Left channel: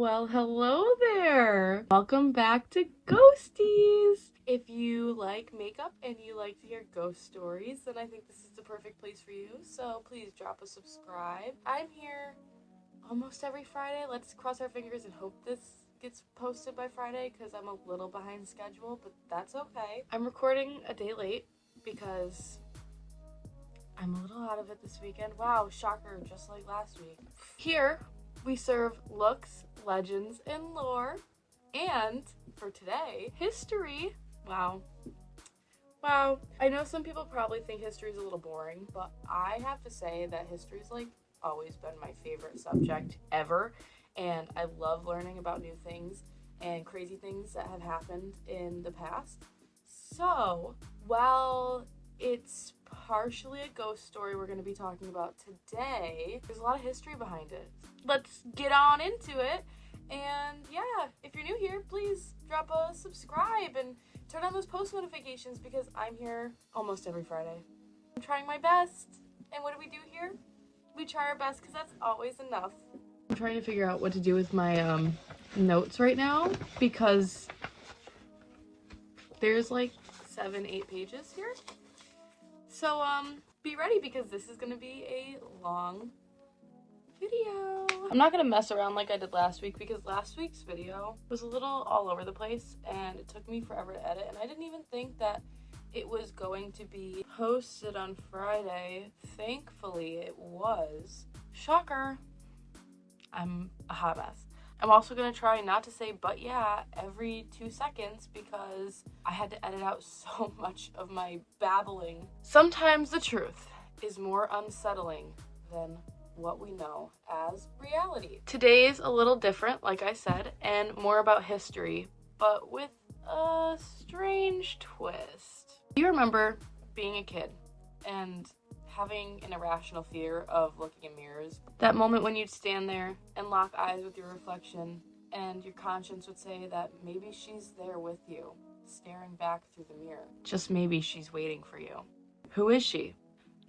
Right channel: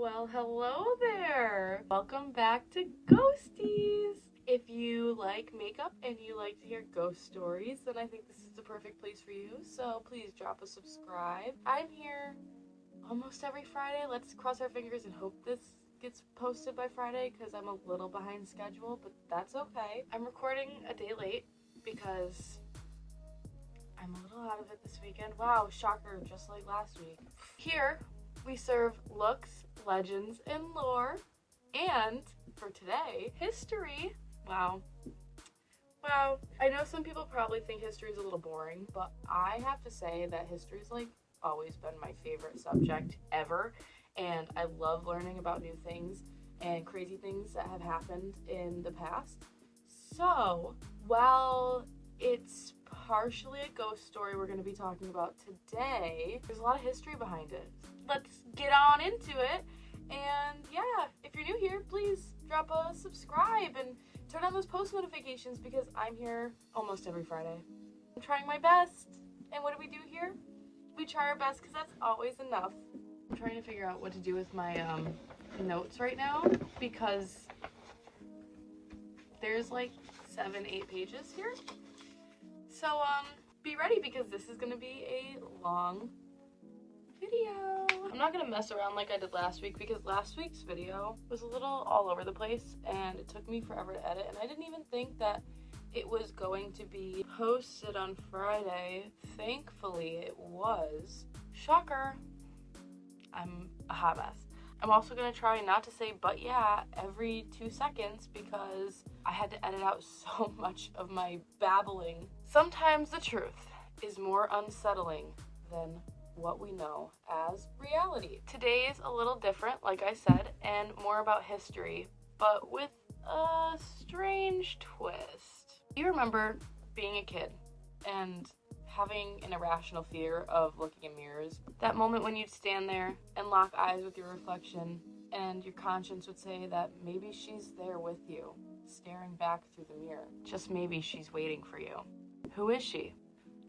Well, hello there. Welcome back to Ghosties. If you like makeup and you like to hear ghost stories, then I think this is the perfect place for you. So please drop a subscribe. I'm here almost every Friday. Let's cross our fingers and hope this gets posted by Friday because I'm a little behind schedule, but that's okay. I'm recording a day late because I'm a little out of it this weekend. Wow, shocker, just like last week. Here, we serve looks, legends, and lore. And for today, history. Wow. I know some people probably think history is a little boring, but I have to say that history's always been my favorite subject ever. And I love learning about new things and crazy things that have happened in the past. So, while it's partially a ghost story we're going to be talking about today, there's a lot of history behind it. Let's get on into it. And yeah, if you're new here, please drop a subscribe and turn on those post notifications because I'm here almost every Friday. I'm trying my best. And what do we do here? We try our best because that's always enough. I'm trying to figure out what to do with my notes right now because there's 7-8 pages here. So be ready because this is going to be a long video. I'm not going to mess around like I did last week because last week's video was a little all over the place and it took me forever to edit, and I didn't even think that it was going to be posted on Friday. Thankfully it was. Shocker. I'm a hot mess. I'm also going to try not to say "but yeah" every 2 seconds because I had to edit out so much of my babbling. Sometimes the truth is more unsettling than what we know as reality. Today's a little different, like I said, and more about history, but with a strange twist. Do you remember being a kid and having an irrational fear of looking in mirrors? That moment when you'd stand there and lock eyes with your reflection and your conscience would say that maybe she's there with you, staring back through the mirror. Just maybe she's waiting for you. Who is she?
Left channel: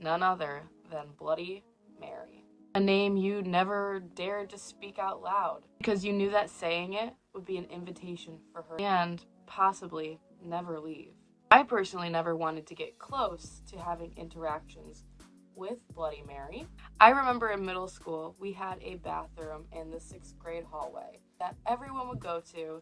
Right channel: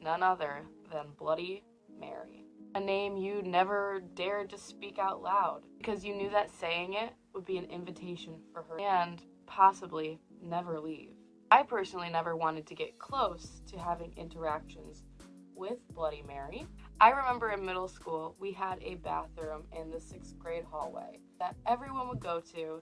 None other than Bloody Mary. A name you never dared to speak out loud because you knew that saying it would be an invitation for her and possibly never leave. I personally never wanted to get close to having interactions with Bloody Mary. I remember in middle school, we had a bathroom in the 6th grade hallway that everyone would go to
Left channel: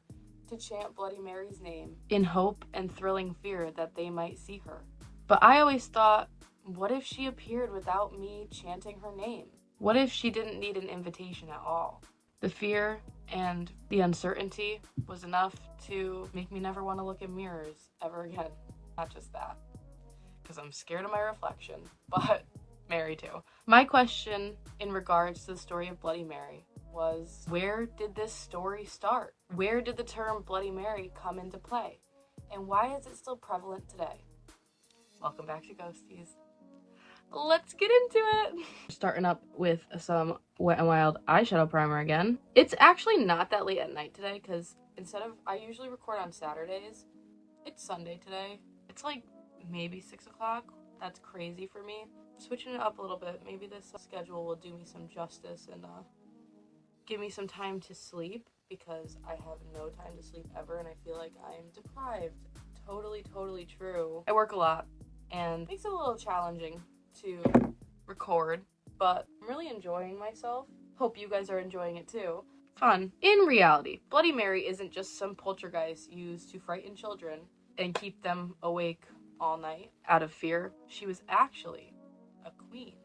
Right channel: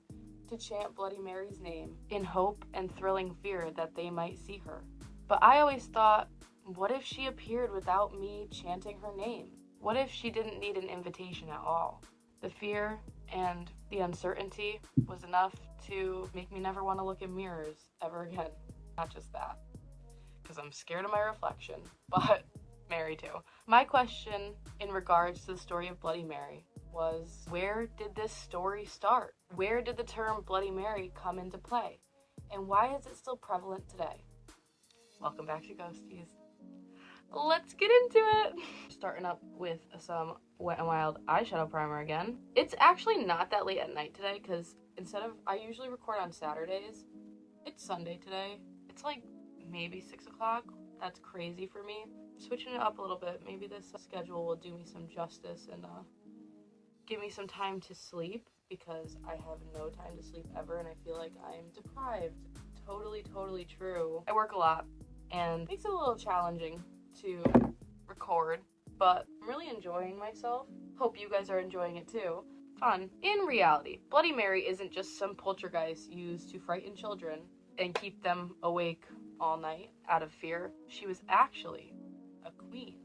chant Bloody Mary's name in hope and thrilling fear that they might see her. But I always thought, what if she appeared without me chanting her name? What if she didn't need an invitation at all? The fear and the uncertainty was enough to make me never want to look in mirrors ever again. Not just that, because I'm scared of my reflection, but Mary too. My question in regards to the story of Bloody Mary was, where did this story start? Where did the term Bloody Mary come into play? And why is it still prevalent today? Welcome back to Ghosties. Let's get into it. Starting up with some Wet n Wild eyeshadow primer again. It's actually not that late at night today because I usually record on Saturdays. It's Sunday today. It's maybe 6 o'clock. That's crazy for me. Switching it up a little bit. Maybe this schedule will do me some justice and give me some time to sleep because I have no time to sleep ever and I feel like I'm deprived. Totally true. I work a lot and it makes it a little challenging to record, but I'm really enjoying myself. Hope you guys are enjoying it too. Fun. In reality, Bloody Mary isn't just some poltergeist used to frighten children and keep them awake all night out of fear. She was actually a queen.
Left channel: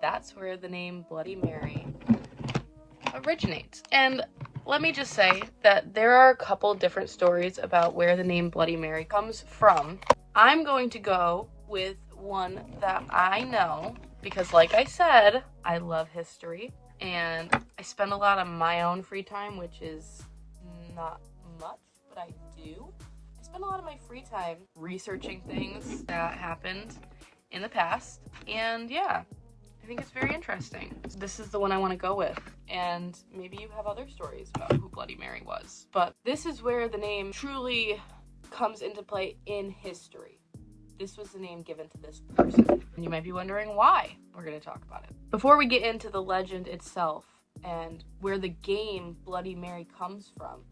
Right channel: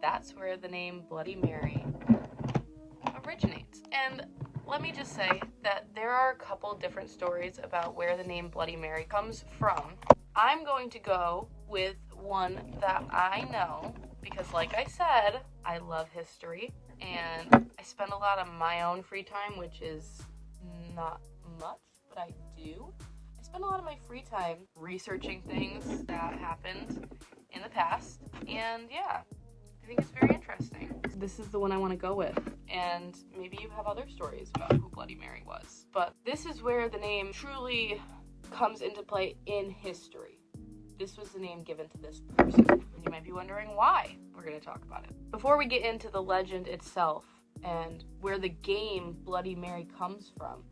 That's where the name Bloody Mary originates. And let me just say that there are a couple different stories about where the name Bloody Mary comes from. I'm going to go with one that I know because, like I said, I love history and I spend a lot of my own free time, which is not much, but I do. I spend a lot of my free time researching things that happened in the past, and yeah, I think it's very interesting. This is the one I want to go with, and maybe you have other stories about who Bloody Mary was, but this is where the name truly comes into play in history. This was the name given to this person. And you might be wondering why. We're going to talk about it. Before we get into the legend itself and where the game Bloody Mary comes from,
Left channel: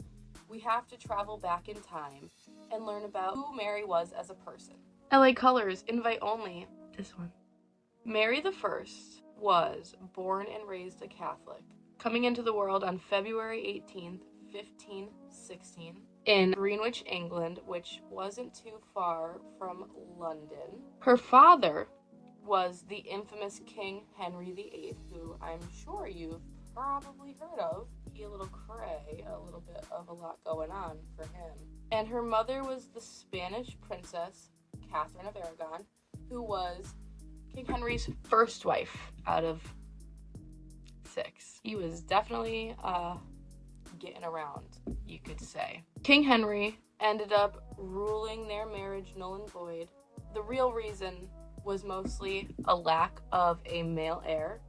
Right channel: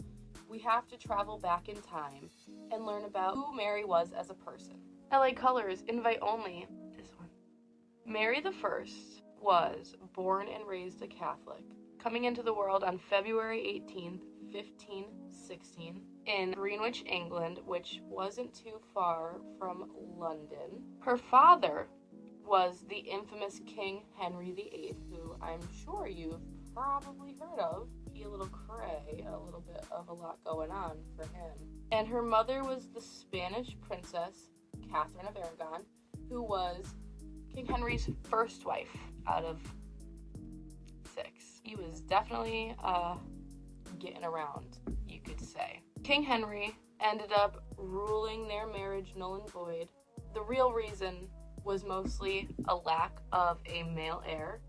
we have to travel back in time and learn about who Mary was as a person. LA Colors, invite only. This one. Mary I was born and raised a Catholic, coming into the world on February 18th, 1516, in Greenwich, England, which wasn't too far from London. Her father was the infamous King Henry VIII, who I'm sure you've probably heard of. He a little cray, a little bit of a lot going on for him. And her mother was the Spanish princess, Catherine of Aragon, who was King Henry's first wife out of 6. He was definitely getting around, you could say. King Henry ended up ruling their marriage null and void. The real reason was mostly a lack of a male heir,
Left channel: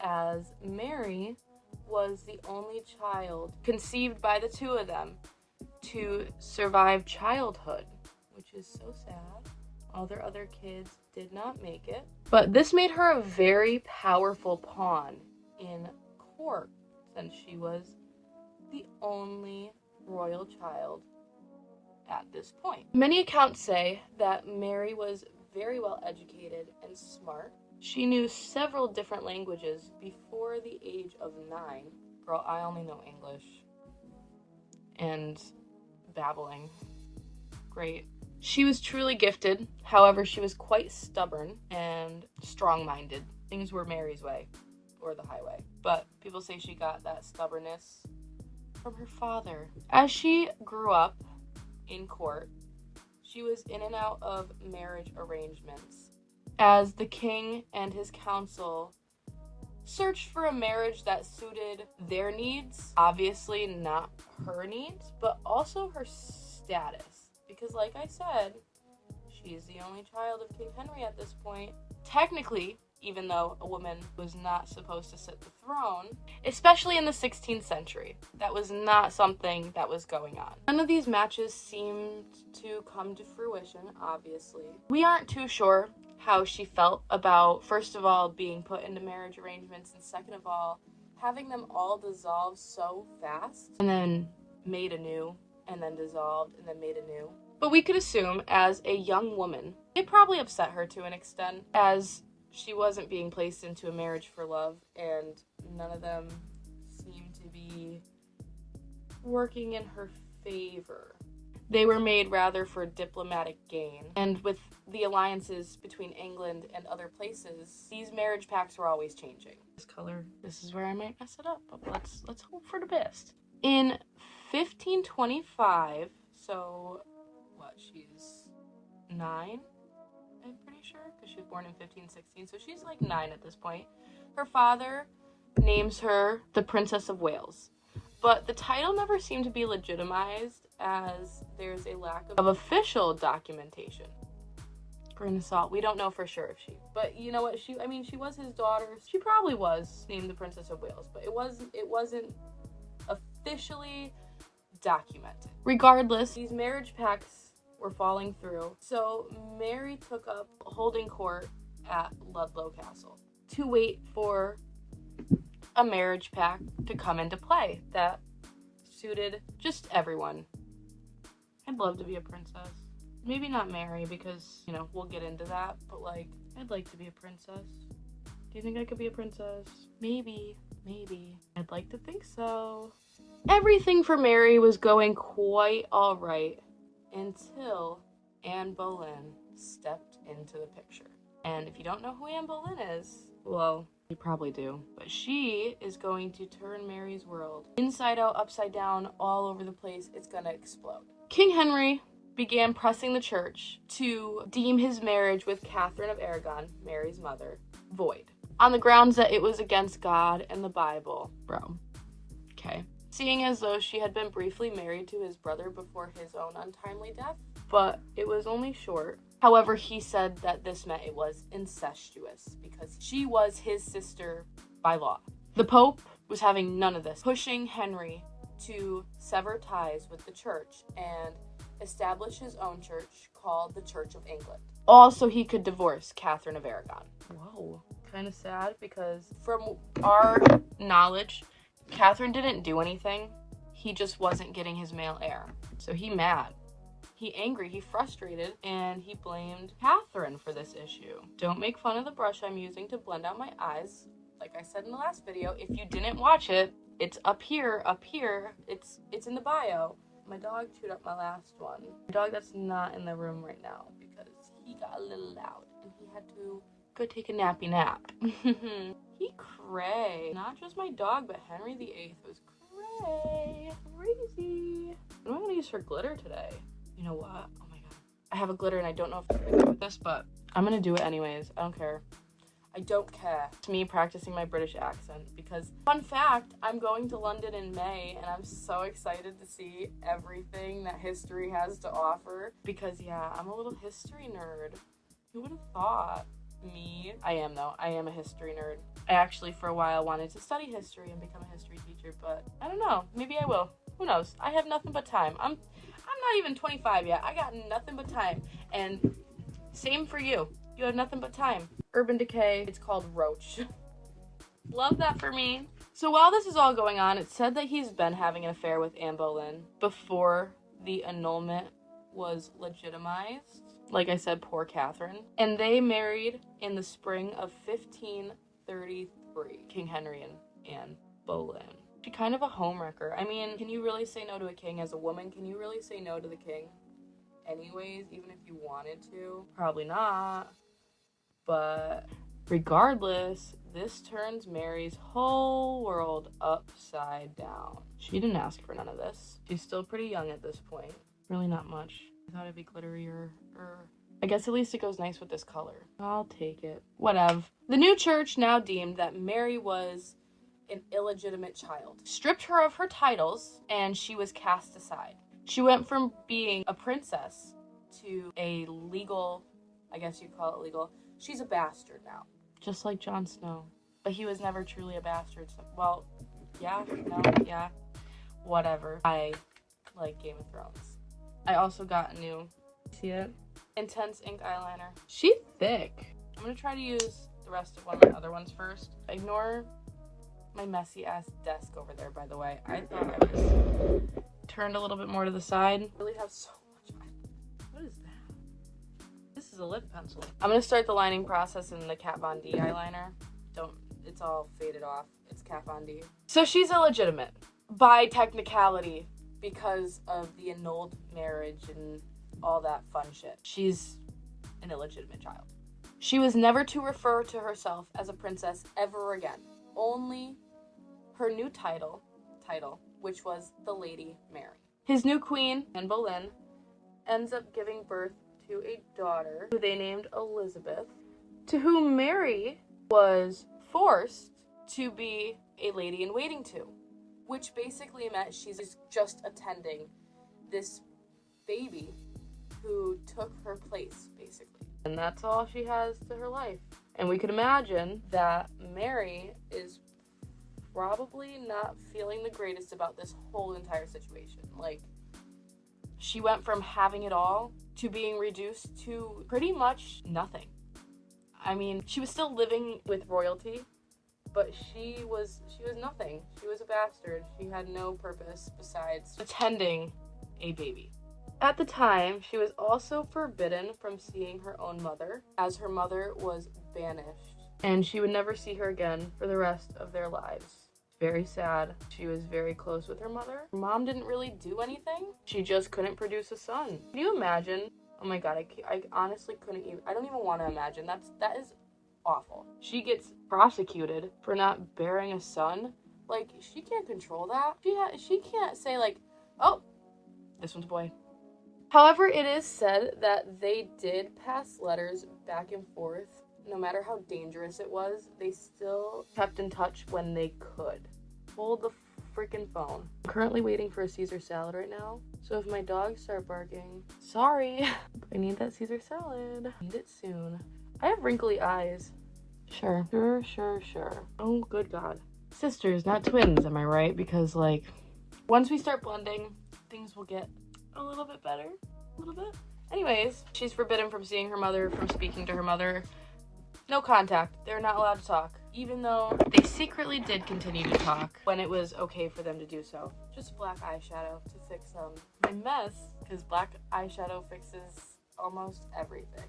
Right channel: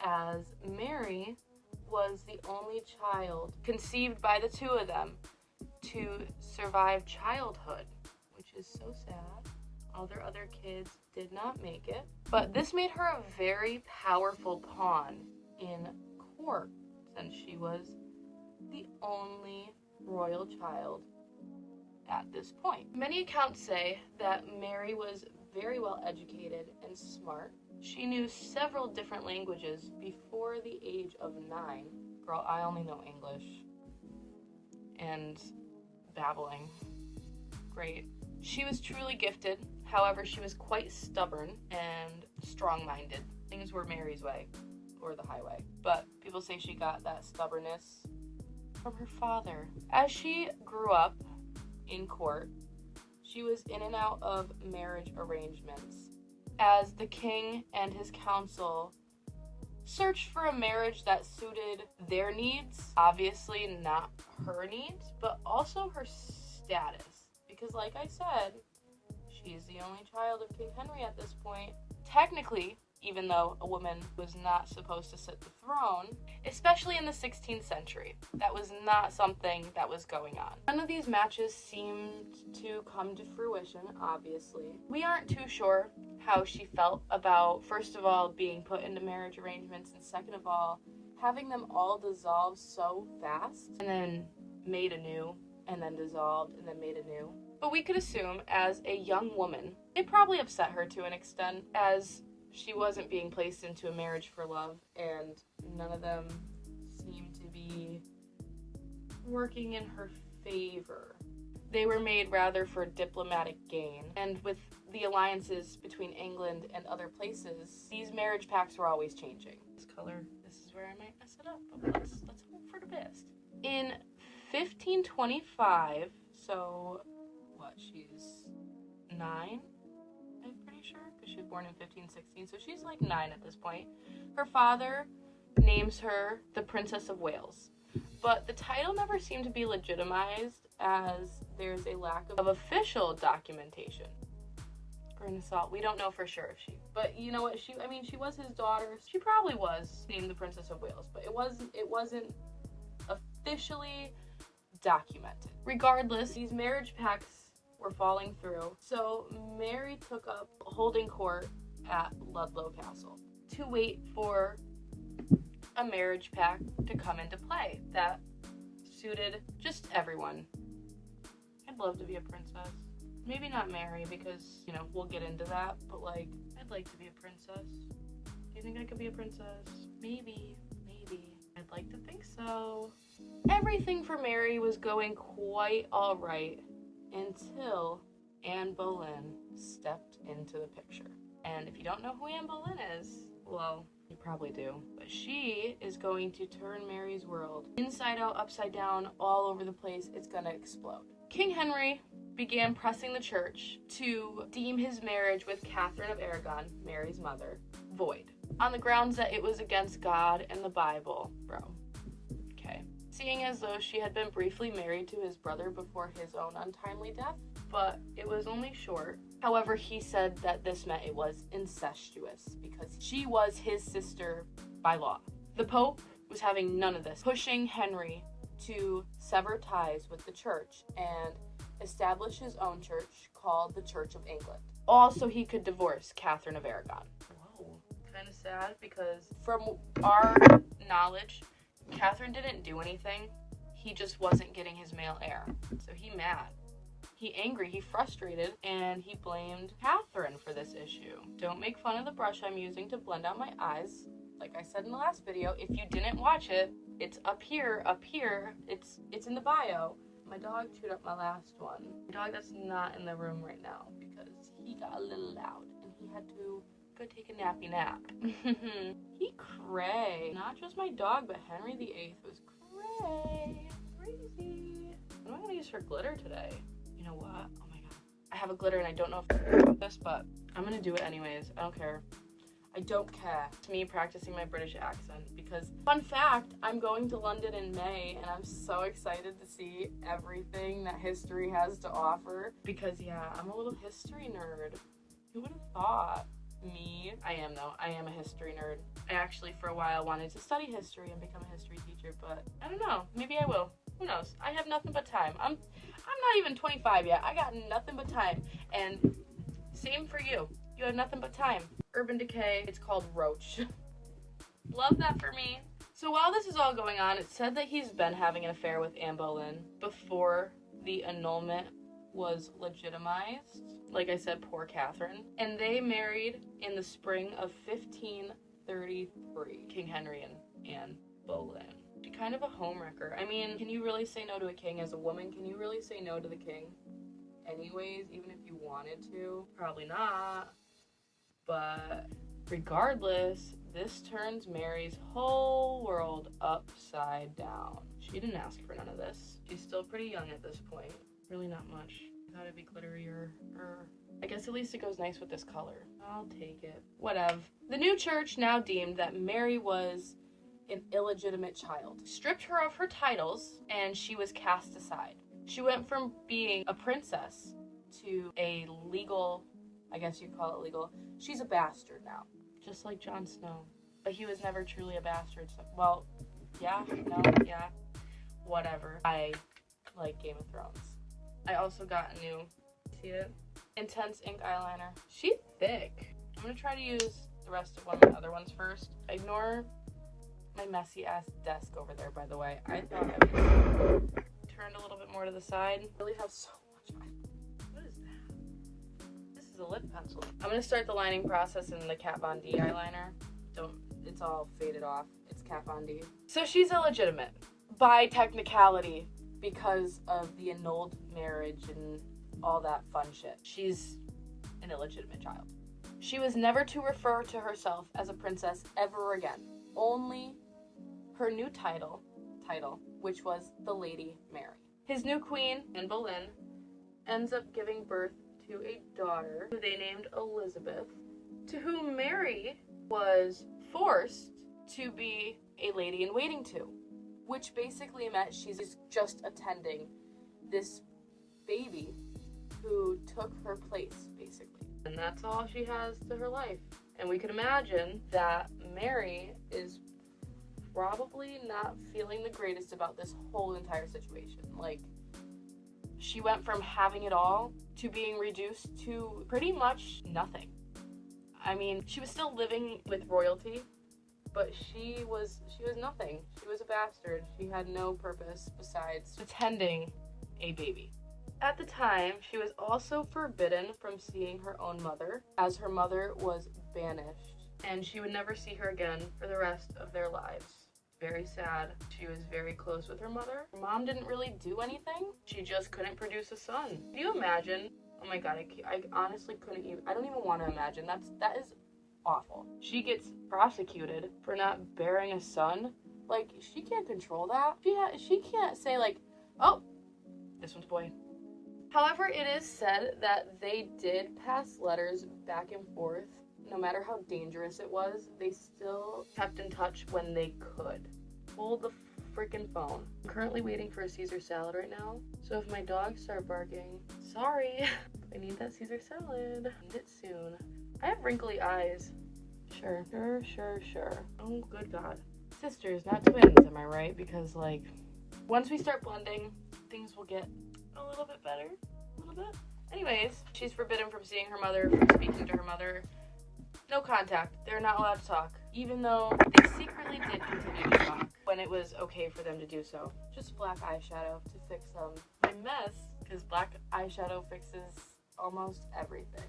as Mary was the only child conceived by the two of them to survive childhood, which is so sad. All their other kids did not make it. But this made her a very powerful pawn in court, since she was the only royal child at this point. Many accounts say that Mary was very well educated and smart. She knew several different languages before the age of 9. Girl, I only know English and babbling. Great. She was truly gifted. However, she was quite stubborn and strong-minded. Things were Mary's way, or the highway. But people say she got that stubbornness from her father. As she grew up in court, she was in and out of marriage arrangements, as the king and his council searched for a marriage that suited their needs. Obviously not her needs, but also her status. Because like I said, she's the only child of King Henry at this point. Technically, even though a woman was not supposed to sit the throne, especially in the 16th century, that was not something that was going on. None of these matches seemed to come to fruition, obviously. We aren't too sure how she felt about, first of all, being put into marriage arrangements, and second of all, having them all dissolve so fast, and then made anew, and then dissolved, and then made anew. But we could assume, as a young woman, it probably upset her to an extent, as she wasn't being placed into a marriage for love, and none of them seemed to be working in her favor. They were made rather for diplomatic gain, and with the alliances between England and other places, these marriage pacts were always changing. This color, this is where I might mess it up, but let's hope for the best. In 1525, so what, she's 9? I'm pretty sure, because she was born in 1516, so she's like 9 at this point. Her father names her the Princess of Wales, but the title never seemed to be legitimized, as there's a lack of official documentation. Grain of salt, we don't know for sure if she, but you know what, she was his daughter. She probably was named the Princess of Wales, but it wasn't officially documented. Regardless, these marriage pacts were falling through, so Mary took up holding court at Ludlow Castle to wait for a marriage pact to come into play that suited just everyone. I'd love to be a princess. Maybe not Mary, because, you know, we'll get into that, but like, I'd like to be a princess. Do you think I could be a princess? Maybe. I'd like to think so. Everything for Mary was going quite alright until Anne Boleyn stepped into the picture. And if you don't know who Anne Boleyn is, well, you probably do. But she is going to turn Mary's world inside out, upside down, all over the place. It's gonna explode. King Henry began pressing the church to deem his marriage with Catherine of Aragon, Mary's mother, void, on the grounds that it was against God and the Bible. Bro. Okay. Seeing as though she had been briefly married to his brother before his own untimely death, but it was only short. However, he said that this meant it was incestuous because she was his sister by law. The Pope was having none of this, pushing Henry to sever ties with the church and establish his own church called the Church of England. Also, he could divorce Catherine of Aragon. Whoa. kind of sad because from our knowledge, Catherine didn't do anything. He just wasn't getting his male heir. So he mad. He angry, he frustrated, and he blamed Catherine for this issue. Don't make fun of the brush I'm using to blend out my eyes. Like I said in the last video, if you didn't watch it, it's up here. It's in the bio. My dog chewed up my last one. My dog that's not in the room right now because he got a little loud and he had to go take a nappy nap. He cray. Not just my dog, but Henry VIII was cray. Crazy. What am I gonna use for glitter today? You know what? Oh my god. I have a glitter and I don't know if to do with this, but I'm gonna do it anyways. I don't care. I don't care. It's me practicing my British accent because, fun fact, I'm going to London in May and I'm so excited to see everything that history has to offer because, yeah, I'm a little history nerd. Who would have thought? Me? I am, though. I am a history nerd. I actually, for a while, wanted to study history and become a history teacher, but I don't know. Maybe I will. Who knows? I have nothing but time. I'm not even 25 yet. I got nothing but time. And same for you. You have nothing but time. Urban Decay. It's called Roach. Love that for me. So while this is all going on, it's said that he's been having an affair with Anne Boleyn before the annulment was legitimized. Like I said, poor Catherine. And they married in the spring of 1533. King Henry and Anne Boleyn. She's kind of a homewrecker. I mean, can you really say no to a king as a woman? Can you really say no to the king? Anyways, even if you wanted to? Probably not. But regardless, this turns Mary's whole world upside down. She didn't ask for none of this. She's still pretty young at this point. Really not much. I thought it'd be glittery or I guess at least it goes nice with this color. I'll take it. Whatever. The new church now deemed that Mary was an illegitimate child, stripped her of her titles, and she was cast aside. She went from being a princess to a legal, I guess you'd call it legal. She's a bastard now. Just like Jon Snow. But he was never truly a bastard. So, well, yeah, no, yeah, whatever. I like Game of Thrones. I also got a new, see it? Intense ink eyeliner. She's thick. I'm gonna try to use the rest of one of my other ones first. Ignore my messy ass desk over there, by the way. I thought I was turned a little bit more to the side. I really have so much eyeliner. What is that? This is a lip pencil. I'm gonna start the lining process in the Kat Von D eyeliner. It's all faded off. It's Kat Von D. So she's illegitimate by technicality because of the annulled marriage and all that fun shit. She's an illegitimate child. She was never to refer to herself as a princess ever again. Only her new title, which was the Lady Mary. His new queen, Anne Boleyn, ends up giving birth to a daughter who they named Elizabeth, to whom Mary was forced to be a lady-in-waiting to, which basically meant she's just attending this baby who took her place, basically. And that's all she has to her life. And we could imagine that Mary is probably not feeling the greatest about this whole entire situation. Like, she went from having it all to being reduced to pretty much nothing. I mean, she was still living with royalty, but she was nothing. She was a bastard. She had no purpose besides attending a baby. At the time, she was also forbidden from seeing her own mother, as her mother was banished, and she would never see her again for the rest of their lives. Very sad. She was very close with her mother. Her mom didn't really do anything. She just couldn't produce a son. Can you imagine? Oh my god, I honestly couldn't even, I don't even want to imagine. That is awful. She gets prosecuted for not bearing a son. Like, she can't control that. She can't say like, oh, this one's a boy. However, it is said that they did pass letters back and forth. No matter how dangerous it was, they still kept in touch when they could. Hold the freaking phone. I'm currently waiting for a Caesar salad right now. So if my dogs start barking, sorry. I need that Caesar salad. I need it soon. I have wrinkly eyes. Sure. Oh, good God. Sisters, not twins, am I right? Because, like, once we start blending, things will get a little bit better. A little bit. Anyways, she's forbidden from seeing her mother, from speaking to her mother. No contact. They're not allowed to talk. Even though they secretly did continue to talk when it was okay for them to do so. Just black eyeshadow to fix my mess, because black eyeshadow fixes almost everything.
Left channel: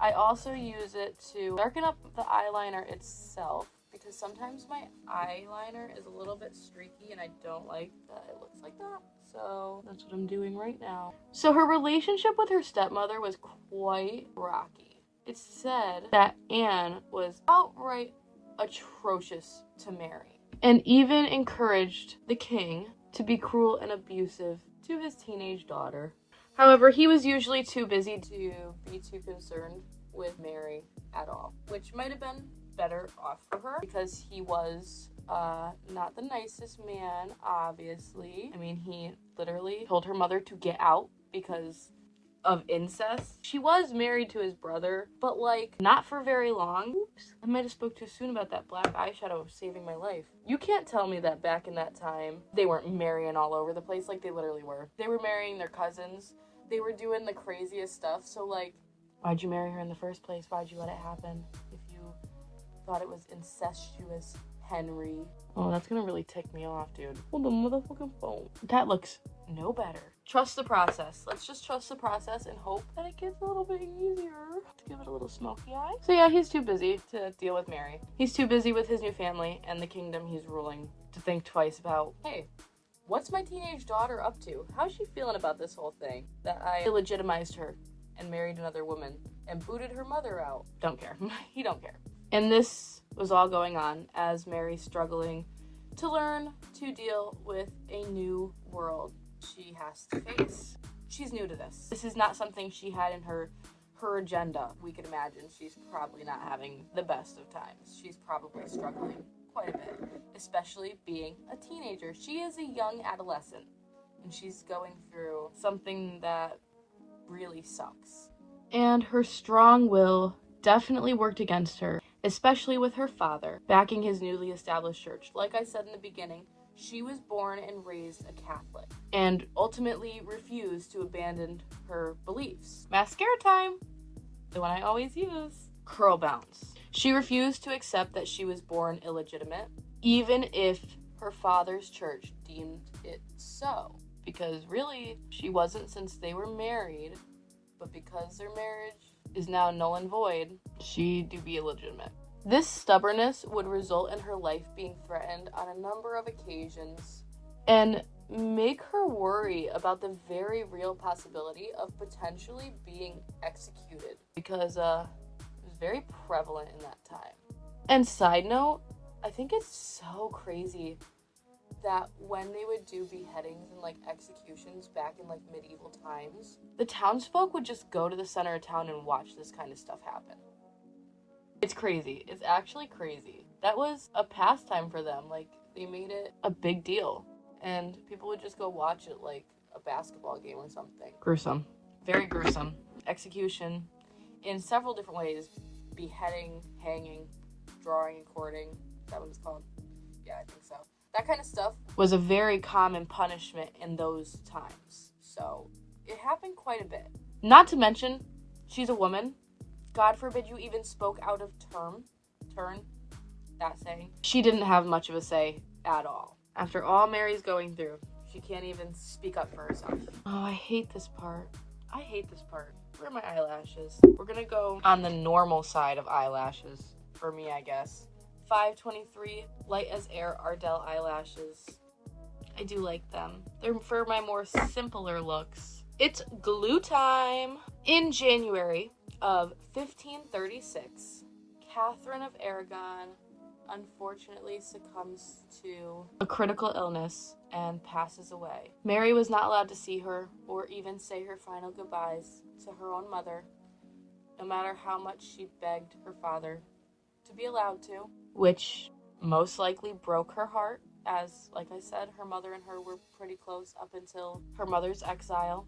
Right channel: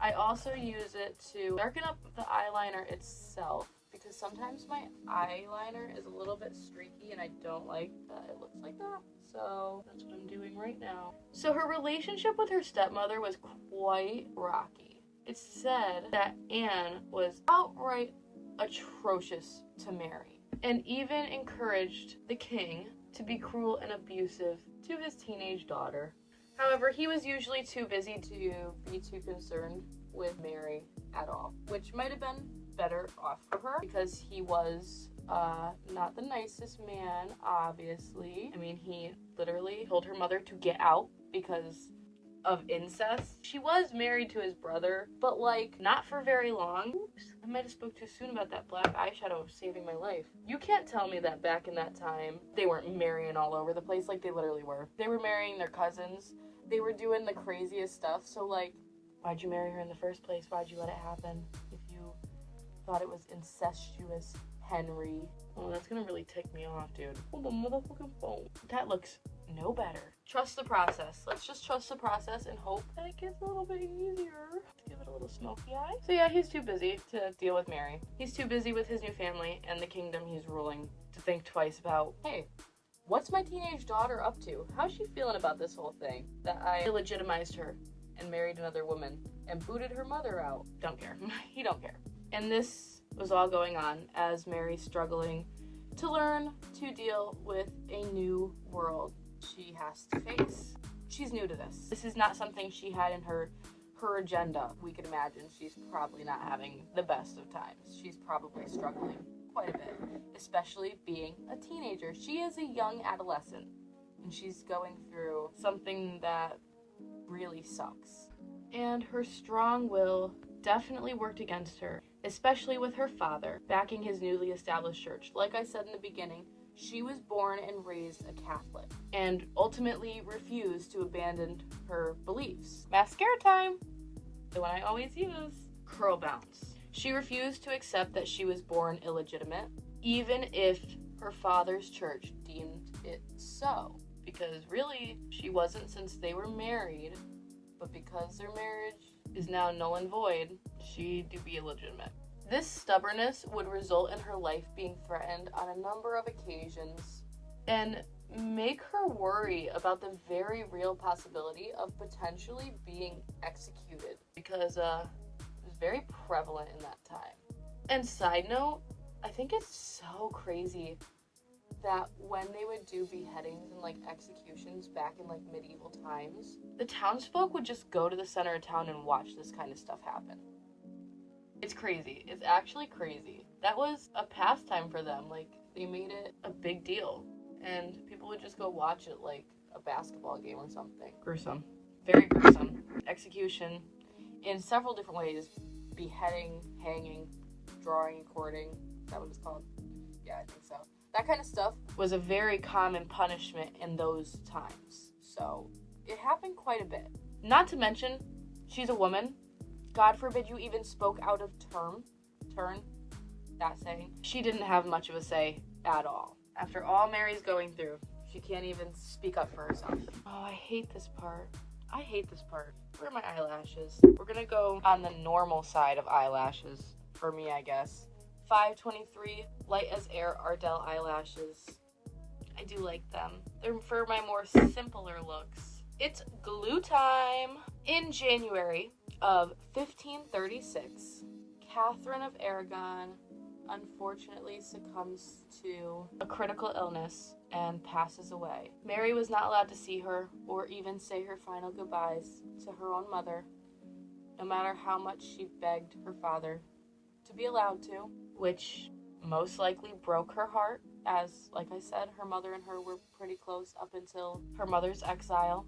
I also use it to darken up the eyeliner itself, because sometimes my eyeliner is a little bit streaky and I don't like that it looks like that. So that's what I'm doing right now. So her relationship with her stepmother was quite rocky. It's said that Anne was outright atrocious to Mary, and even encouraged the king to be cruel and abusive to his teenage daughter. However, he was usually too busy to be too concerned with Mary at all, which might have been better off for her, because he was not the nicest man, obviously. I mean, he literally told her mother to get out because of incest. She was married to his brother, but like not for very long. Oops, I might have spoke too soon about that black eyeshadow saving my life. You can't tell me that back in that time they weren't marrying all over the place. Like, they literally were. They were marrying their cousins. They were doing the craziest stuff. So like, why'd you marry her in the first place? Why'd you let it happen if you thought it was incestuous, Henry? Oh, that's gonna really tick me off, dude. Hold the motherfucking phone. That looks no better. Trust the process. Let's just trust the process and hope that it gets a little bit easier. Let's give it a little smoky eye. So yeah, he's too busy to deal with Mary. He's too busy with his new family and the kingdom he's ruling to think twice about, hey, what's my teenage daughter up to? How's she feeling about this whole thing? That I illegitimized her and married another woman and booted her mother out. Don't care. He don't care. And this was all going on as Mary's struggling to learn to deal with a new world she has to face. She's new to this. This is not something she had in her agenda. We could imagine she's probably not having the best of times. She's probably struggling quite a bit, especially being a teenager. She is a young adolescent, and she's going through something that really sucks. And her strong will definitely worked against her, especially with her father backing his newly established church. Like I said in the beginning, she was born and raised a Catholic and ultimately refused to abandon her beliefs. Mascara time! The one I always use. Curl bounce. She refused to accept that she was born illegitimate, even if her father's church deemed it so. Because really, she wasn't, since they were married, but because their marriage is now null and void, she do be illegitimate. This stubbornness would result in her life being threatened on a number of occasions and make her worry about the very real possibility of potentially being executed, because it was very prevalent in that time. And side note, I think it's so crazy that when they would do beheadings and like executions back in like medieval times, the townsfolk would just go to the center of town and watch this kind of stuff happen. It's crazy. It's actually crazy. That was a pastime for them. Like, they made it a big deal, and people would just go watch it like a basketball game or something. Gruesome. Very gruesome. Execution in several different ways. Beheading, hanging, drawing and quartering. Is that what it's called? Yeah, I think so. That kind of stuff was a very common punishment in those times. So it happened quite a bit. Not to mention, she's a woman. God forbid you even spoke out of turn, that saying. She didn't have much of a say at all. After all Mary's going through, she can't even speak up for herself. Oh, I hate this part. I hate this part. Where are my eyelashes? We're gonna go on the normal side of eyelashes, for me, I guess. 523 Light as Air Ardell eyelashes. I do like them. They're for my more simpler looks. It's glue time! In January of 1536, Catherine of Aragon unfortunately succumbs to a critical illness and passes away. Mary was not allowed to see her or even say her final goodbyes to her own mother, no matter how much she begged her father to be allowed to, which most likely broke her heart, as, like I said, her mother and her were pretty close up until her mother's exile,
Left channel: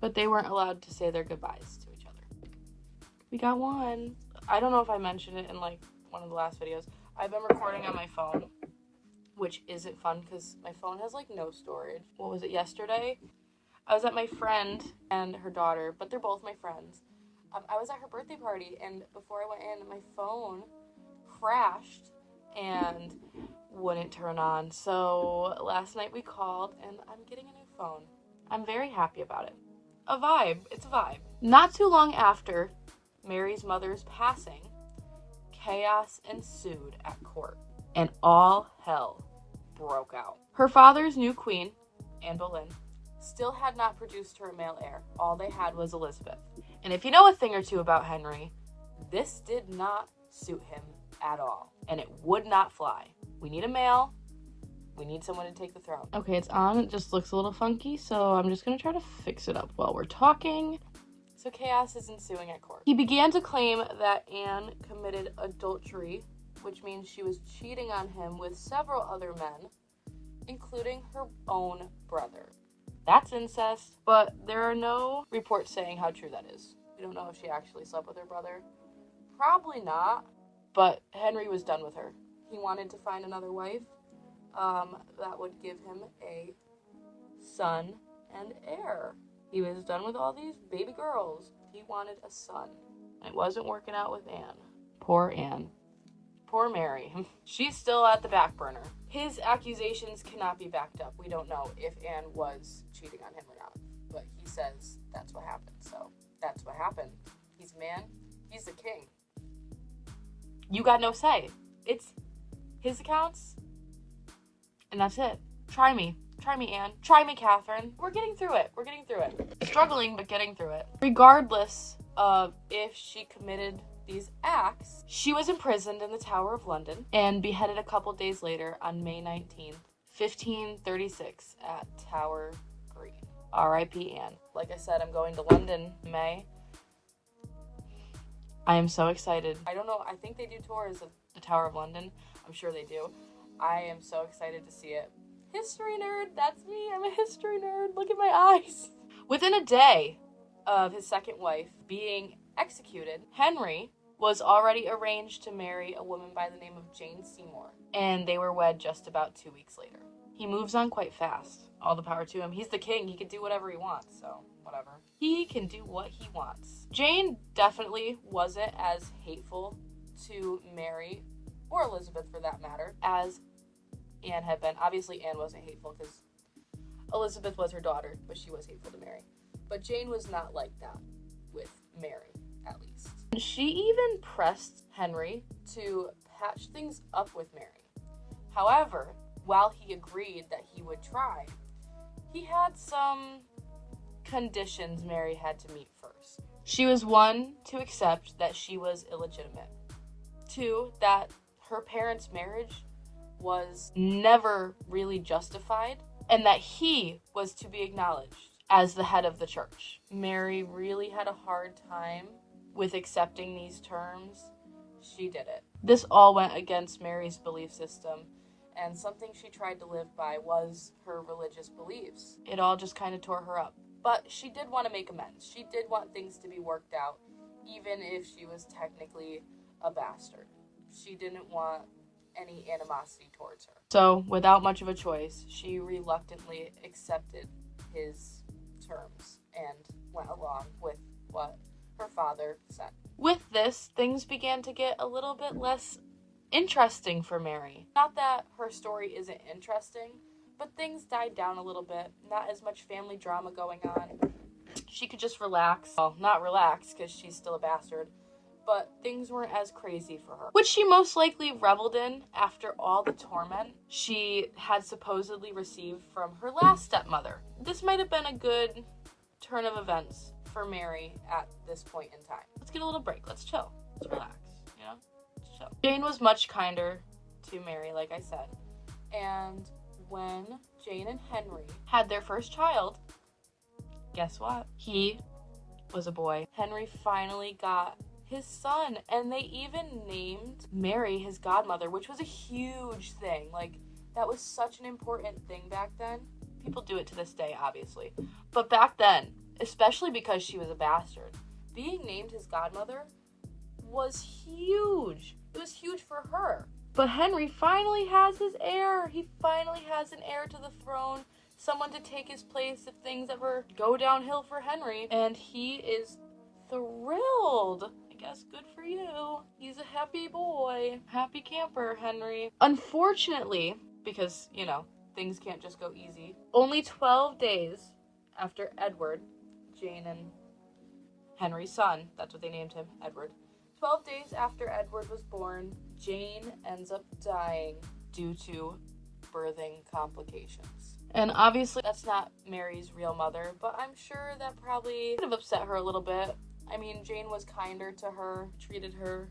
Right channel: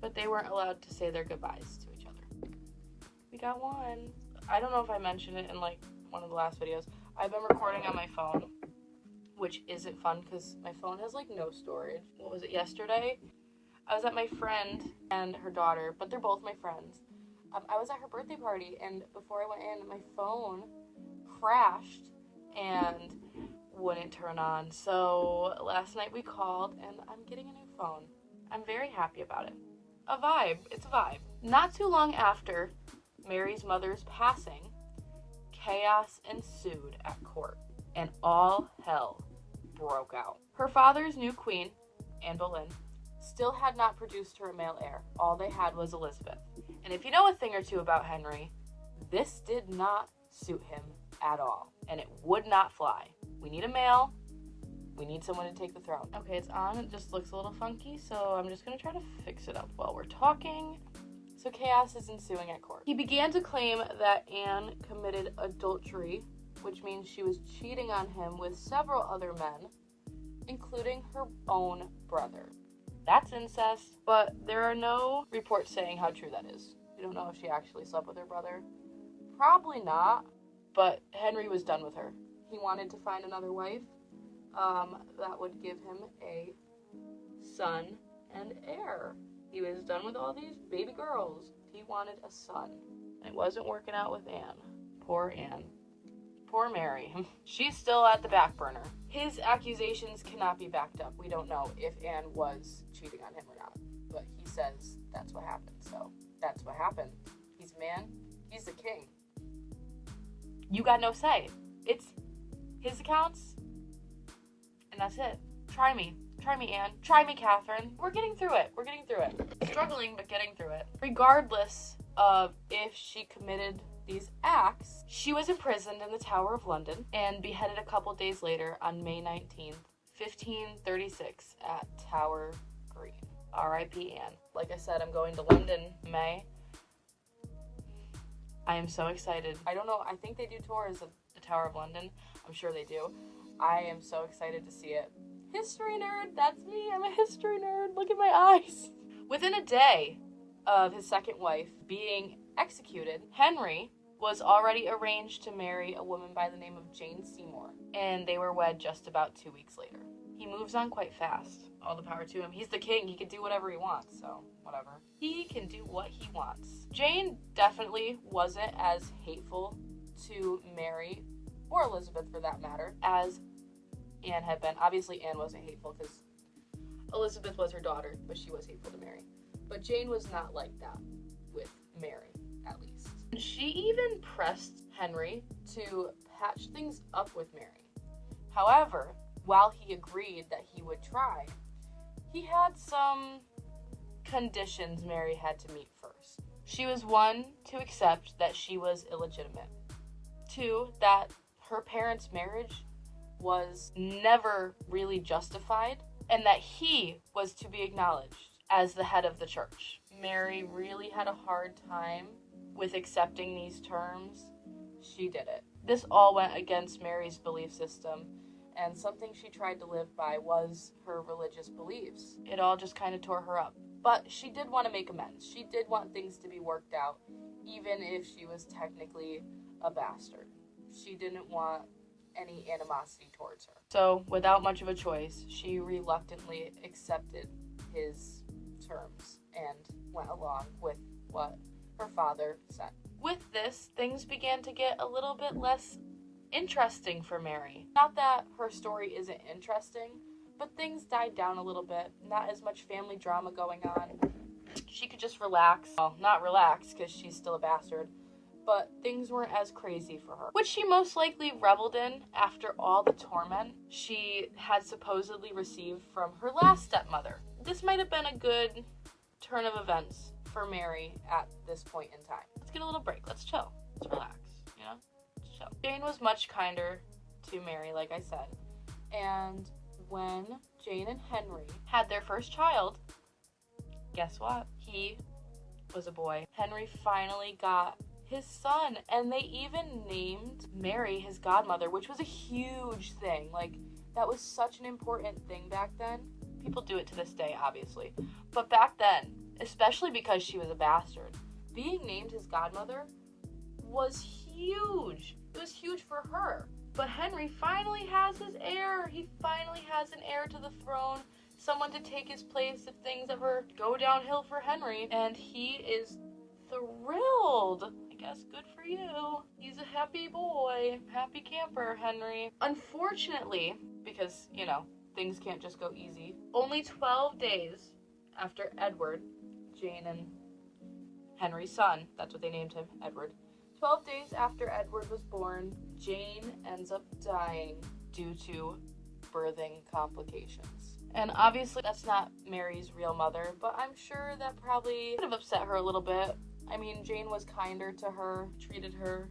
but they weren't allowed to say their goodbyes to each other. We got one. I don't know if I mentioned it in like one of the last videos. I've been recording on my phone, which isn't fun because my phone has like no storage. What was it, yesterday? I was at my friend and her daughter, but they're both my friends. I was at her birthday party, and before I went in, my phone crashed and wouldn't turn on. So last night we called, and I'm getting a new phone. I'm very happy about it. A vibe. It's a vibe. Not too long after Mary's mother's passing, chaos ensued at court, and all hell broke out. Her father's new queen, Anne Boleyn, still had not produced her a male heir. All they had was Elizabeth. And if you know a thing or two about Henry, this did not suit him at all, and it would not fly. We need a male. We need someone to take the throne. Okay, it's on. It just looks a little funky, so I'm just going to try to fix it up while we're talking. So chaos is ensuing at court. He began to claim that Anne committed adultery, which means she was cheating on him with several other men, including her own brother. That's incest, but there are no reports saying how true that is. We don't know if she actually slept with her brother. Probably not, but Henry was done with her. He wanted to find another wife that would give him a son and heir. He was done with all these baby girls. He wanted a son. It wasn't working out with Anne. Poor Anne. Poor Mary. She's still at the back burner. His accusations cannot be backed up. We don't know if Anne was cheating on him or not. But he says that's what happened. So that's what happened. He's a man. He's the king. You got no say. It's his accounts. And that's it. Try me. Try me, Anne. Try me, Catherine. We're getting through it. We're getting through it. Struggling, but getting through it. Regardless of if she committed these acts, she was imprisoned in the Tower of London and beheaded a couple days later on May 19th, 1536 at Tower Green. R.I.P. Anne. Like I said, I'm going to London in May. I am so excited. I don't know. I think they do tours of the Tower of London. I'm sure they do. I am so excited to see it. History nerd, that's me. I'm a history nerd. Look at my eyes. Within a day of his second wife being executed, Henry was already arranged to marry a woman by the name of Jane Seymour, and they were wed just about 2 weeks later. He moves on quite fast. All the power to him. He's the king. He can do whatever he wants, so whatever. He can do what he wants. Jane definitely wasn't as hateful to Mary, or Elizabeth for that matter, as Anne had been. Obviously, Anne wasn't hateful because Elizabeth was her daughter, but she was hateful to Mary. But Jane was not like that with Mary, at least. She even pressed Henry to patch things up with Mary. However, while he agreed that he would try, he had some conditions Mary had to meet first. She was, 1, to accept that she was illegitimate. 2, that her parents' marriage was never really justified, and that he was to be acknowledged as the head of the church. Mary really had a hard time with accepting these terms. She did it. This all went against Mary's belief system, and something she tried to live by was her religious beliefs. It all just kind of tore her up. But she did want to make amends. She did want things to be worked out, even if she was technically a bastard. She didn't want any animosity towards her. So, without much of a choice, she reluctantly accepted his terms and went along with what her father said. With this, things began to get a little bit less interesting for Mary. Not that her story isn't interesting, but things died down a little bit. Not as much family drama going on. She could just relax. Well, not relax, because she's still a bastard, but things weren't as crazy for her, which she most likely reveled in after all the torment she had supposedly received from her last stepmother. This might have been a good turn of events for Mary at this point in time. Let's get a little break. Let's chill. Let's relax. You know? Let's chill. Jane was much kinder to Mary, like I said. And when Jane and Henry had their first child, guess what? He was a boy. Henry finally got his son, and they even named Mary his godmother, which was a huge thing. Like, that was such an important thing back then. People do it to this day, obviously. But back then, especially because she was a bastard, being named his godmother was huge. It was huge for her. But Henry finally has his heir. He finally has an heir to the throne. Someone to take his place if things ever go downhill for Henry. And he is thrilled. I guess good for you. He's a happy boy. Happy camper, Henry. Unfortunately, because, you know, things can't just go easy, only 12 days after Edward, Jane and Henry's son, that's what they named him, Edward. 12 days after Edward was born, Jane ends up dying due to birthing complications. And obviously that's not Mary's real mother, but I'm sure that probably could have upset her a little bit. I mean, Jane was kinder to her, treated her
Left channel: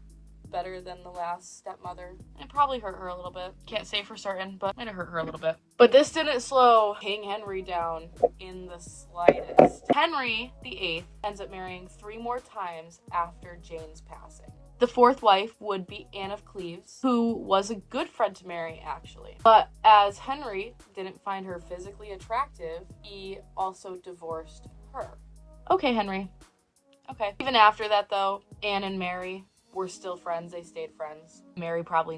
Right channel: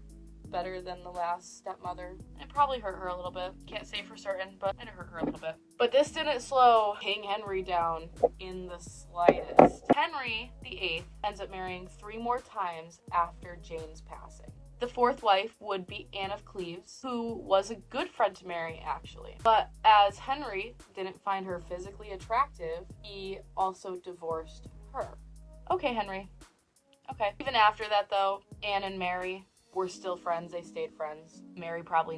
better than the last stepmother. It probably hurt her a little bit. Can't say for certain, but might have hurt her a little bit. But this didn't slow King Henry down in the slightest. Henry VIII ends up marrying 3 more times after Jane's passing. The 4th wife would be Anne of Cleves, who was a good friend to Mary, actually. But as Henry didn't find her physically attractive, he also divorced her. Okay, Henry. Okay. Even after that, though, Anne and Mary were still friends. They stayed friends. Mary probably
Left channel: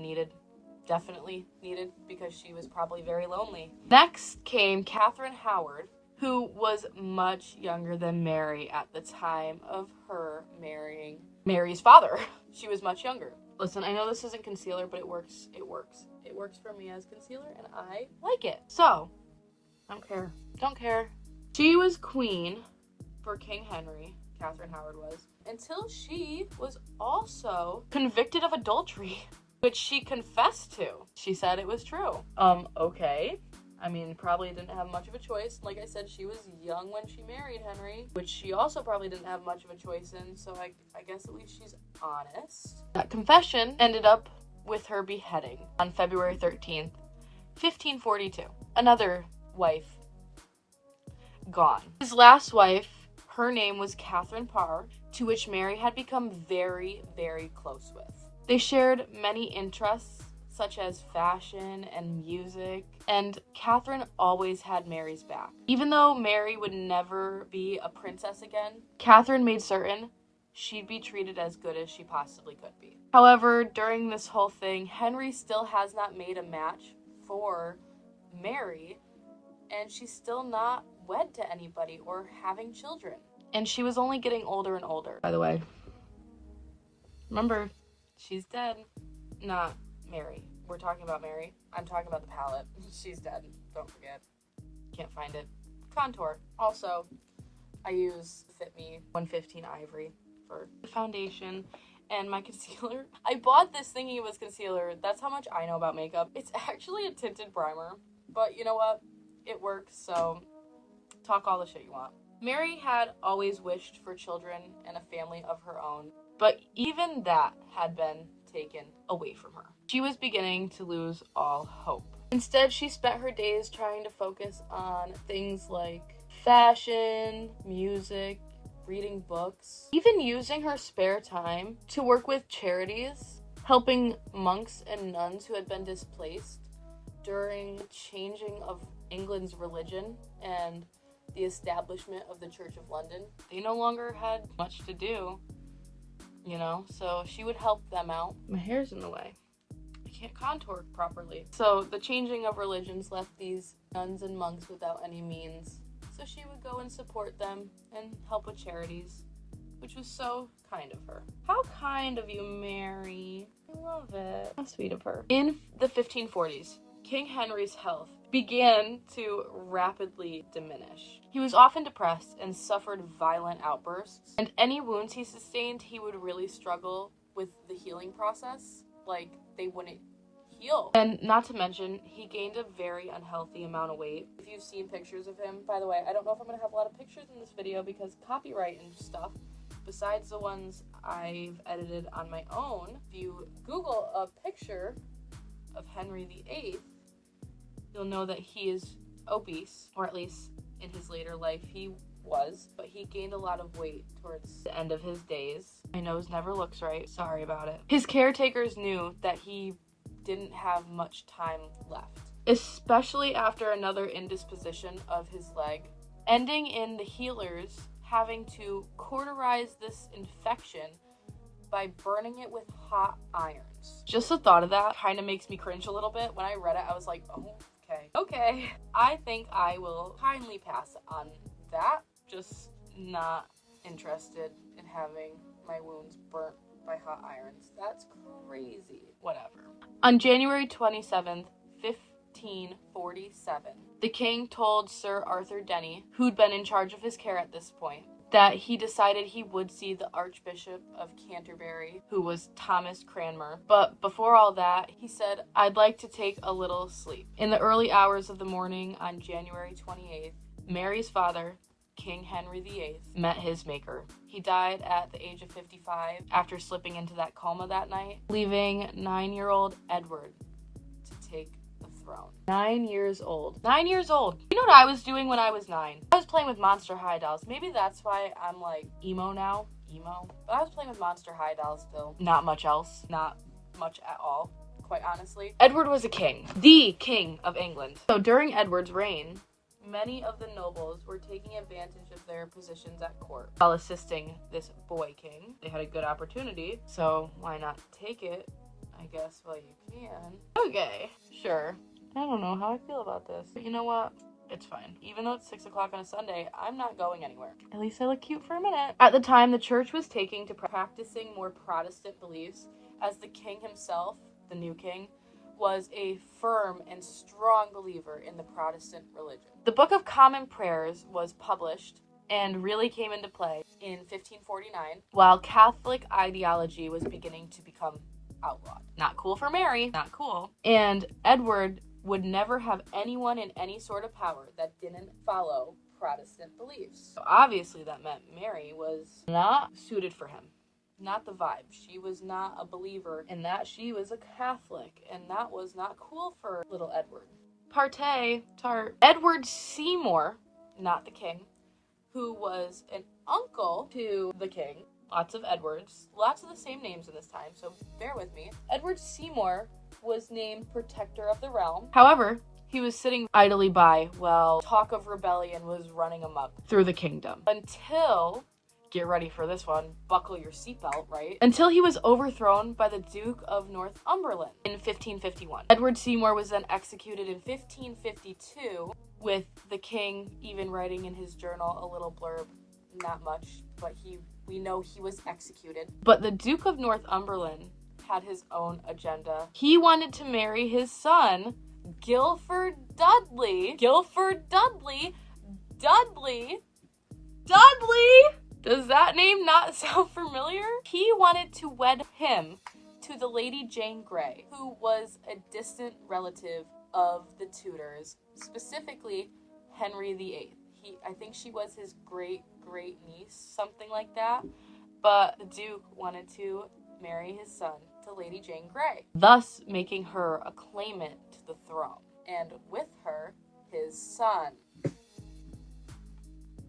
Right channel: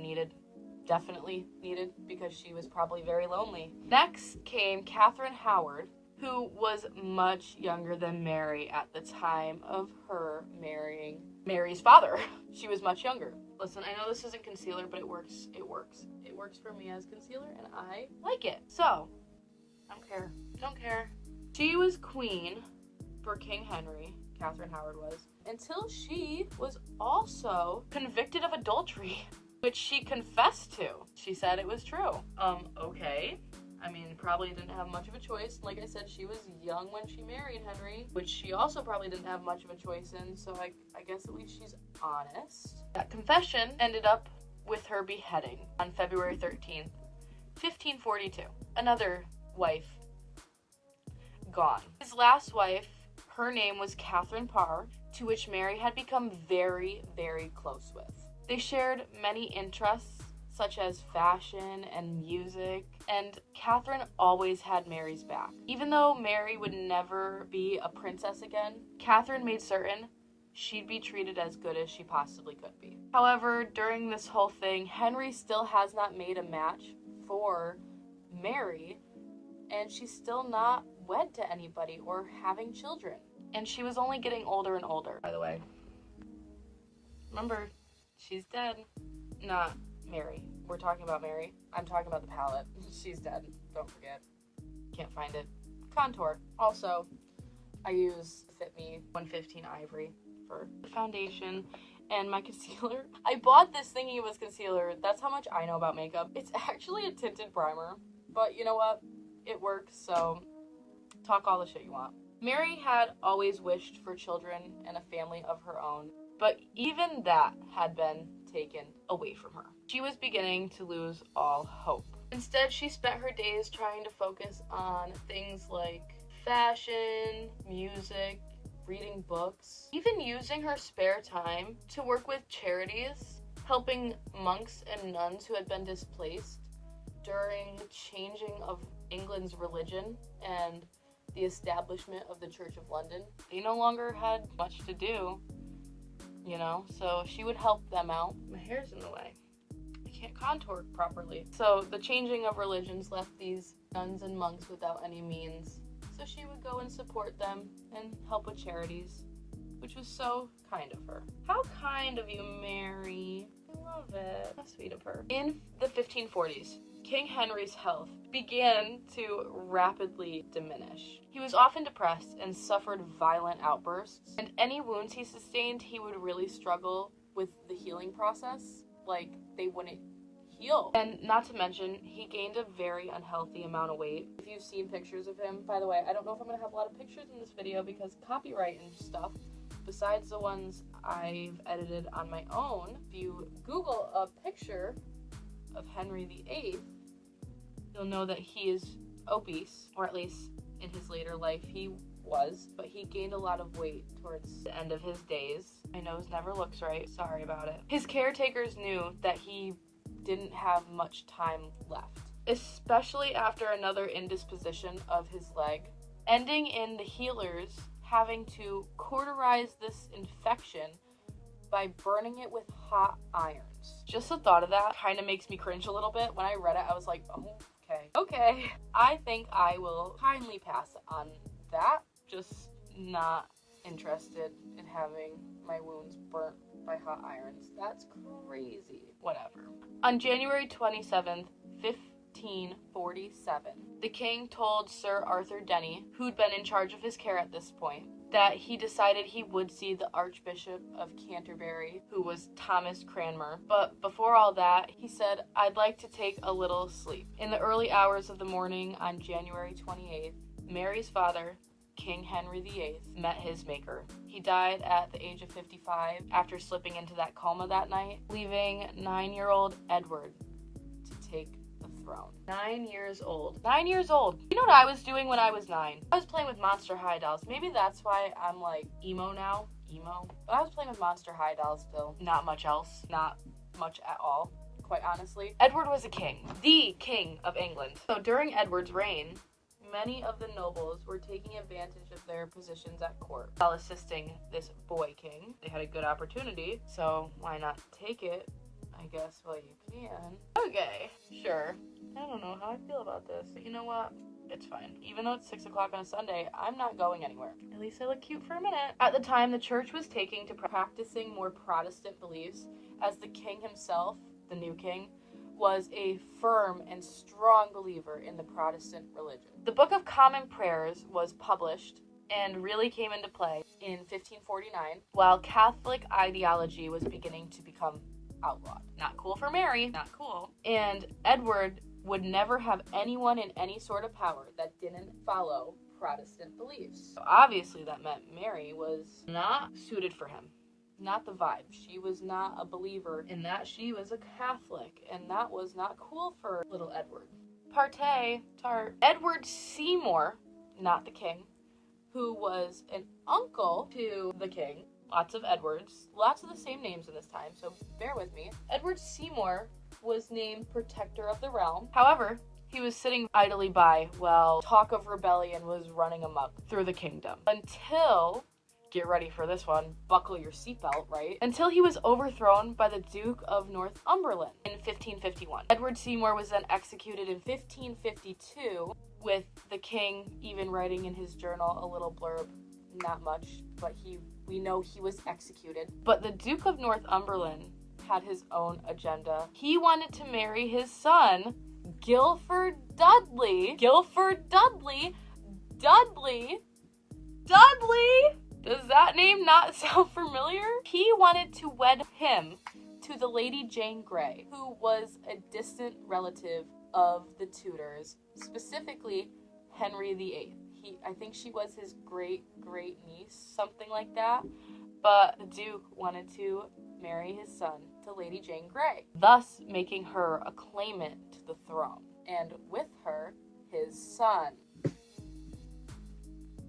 definitely needed, because she was probably very lonely. Next came Catherine Howard, who was much younger than Mary at the time of her marrying Mary's father. She was much younger. Listen, I know this isn't concealer, but it works. It works. It works for me as concealer, and I like it. So, don't care. She was queen for King Henry, Catherine Howard was, until she was also convicted of adultery, which she confessed to. She said it was true. Okay. I mean, probably didn't have much of a choice. Like I said, she was young when she married Henry, which she also probably didn't have much of a choice in, so I guess at least she's honest. That confession ended up with her beheading on February 13th, 1542. Another wife gone. His last wife, her name was Catherine Parr, to which Mary had become very, very close with. They shared many interests, such as fashion and music, and Catherine always had Mary's back. Even though Mary would never be a princess again, Catherine made certain she'd be treated as good as she possibly could be. However, during this whole thing, Henry still has not made a match for Mary, and she's still not wed to anybody or having children. And she was only getting older and older, by the way. Remember, she's dead. Not Mary. We're talking about Mary. I'm talking about the palette. She's dead. Don't forget. Can't find it. Contour. Also, I use Fit Me 115 Ivory for the foundation and my concealer. I bought this thinking it was concealer. That's how much I know about makeup. It's actually a tinted primer, but you know what? It works, so talk all the shit you want. Mary had always wished for children and a family of her own, but even that had been taken away from her. She was beginning to lose all hope. Instead, she spent her days trying to focus on things like fashion, music, reading books, even using her spare time to work with charities, helping monks and nuns who had been displaced during the changing of England's religion and the establishment of the Church of London. They no longer had much to do, you know, so she would help them out. My hair's in the way. I can't contour properly. So the changing of religions left these nuns and monks without any means. So she would go and support them and help with charities, which was so kind of her. How kind of you, Mary. I love it. How sweet of her. In the 1540s, King Henry's health began to rapidly diminish. He was often depressed and suffered violent outbursts, and any wounds he sustained, he would really struggle with the healing process. Like, they wouldn't heal. And not to mention, he gained a very unhealthy amount of weight. If you've seen pictures of him, by the way, I don't know if I'm going to have a lot of pictures in this video because copyright and stuff, besides the ones I've edited on my own. If you Google a picture of Henry VIII, you'll know that he is obese, or at least in his later life he was, but he gained a lot of weight towards the end of his days. My nose never looks right, sorry about it. His caretakers knew that he didn't have much time left, especially after another indisposition of his leg, ending in the healers having to cauterize this infection by burning it with hot irons. Just the thought of that kind of makes me cringe a little bit. When I read it, I was like, oh, okay. I think I will kindly pass on that. Just not interested in having my wounds burnt by hot irons. That's crazy. Whatever. On January 27th, 1547, the king told Sir Arthur Denny, who'd been in charge of his care at this point, that he decided he would see the Archbishop of Canterbury, who was Thomas Cranmer. But before all that, he said, "I'd like to take a little sleep." In the early hours of the morning on January 28th, Mary's father, King Henry VIII, met his maker. He died at the age of 55 after slipping into that coma that night, leaving 9-year-old Edward to take the throne. 9 years old. 9 years old. You know what I was doing when I was 9? I was playing with Monster High dolls. Maybe that's why I'm like emo now. Emo. But I was playing with Monster High dolls still. Not much else. Not much at all, quite honestly. Edward was a king. The king of England. So during Edward's reign, many of the nobles were taking advantage of their positions at court while assisting this boy king. They had a good opportunity, so why not take it, I guess, while you can. Okay, sure. I don't know how I feel about this, but you know what? It's fine. Even though it's 6 o'clock on a Sunday, I'm not going anywhere. At least I look cute for a minute. At the time, the church was taking to practicing more Protestant beliefs, as the king himself, the new king, was a firm and strong believer in the Protestant religion. The Book of Common Prayers was published and really came into play in 1549, while Catholic ideology was beginning to become outlawed. Not cool for Mary, not cool. And Edward would never have anyone in any sort of power that didn't follow Protestant beliefs. So obviously that meant Mary was not suited for him. Not the vibe. She was not a believer in that. She was a Catholic, and that was not cool for little Edward. Tart. Edward Seymour, not the king, who was an uncle to the king. Lots of Edwards. Lots of the same names in this time, so bear with me. Edward Seymour was named Protector of the Realm. However, he was sitting idly by while talk of rebellion was running amok through the kingdom. Until... get ready for this one, buckle your seatbelt, right? Until he was overthrown by the Duke of Northumberland in 1551. Edward Seymour was then executed in 1552, with the king even writing in his journal a little blurb, not much, but we know he was executed. But the Duke of Northumberland had his own agenda. He wanted to marry his son, Guilford Dudley. Guilford Dudley? Dudley? Does that name not sound familiar? He wanted to wed him to the Lady Jane Grey, who was a distant relative of the Tudors, specifically Henry VIII. I think she was his great niece, something like that. But the Duke wanted to marry his son to Lady Jane Grey, thus making her a claimant to the throne, and with her, his son.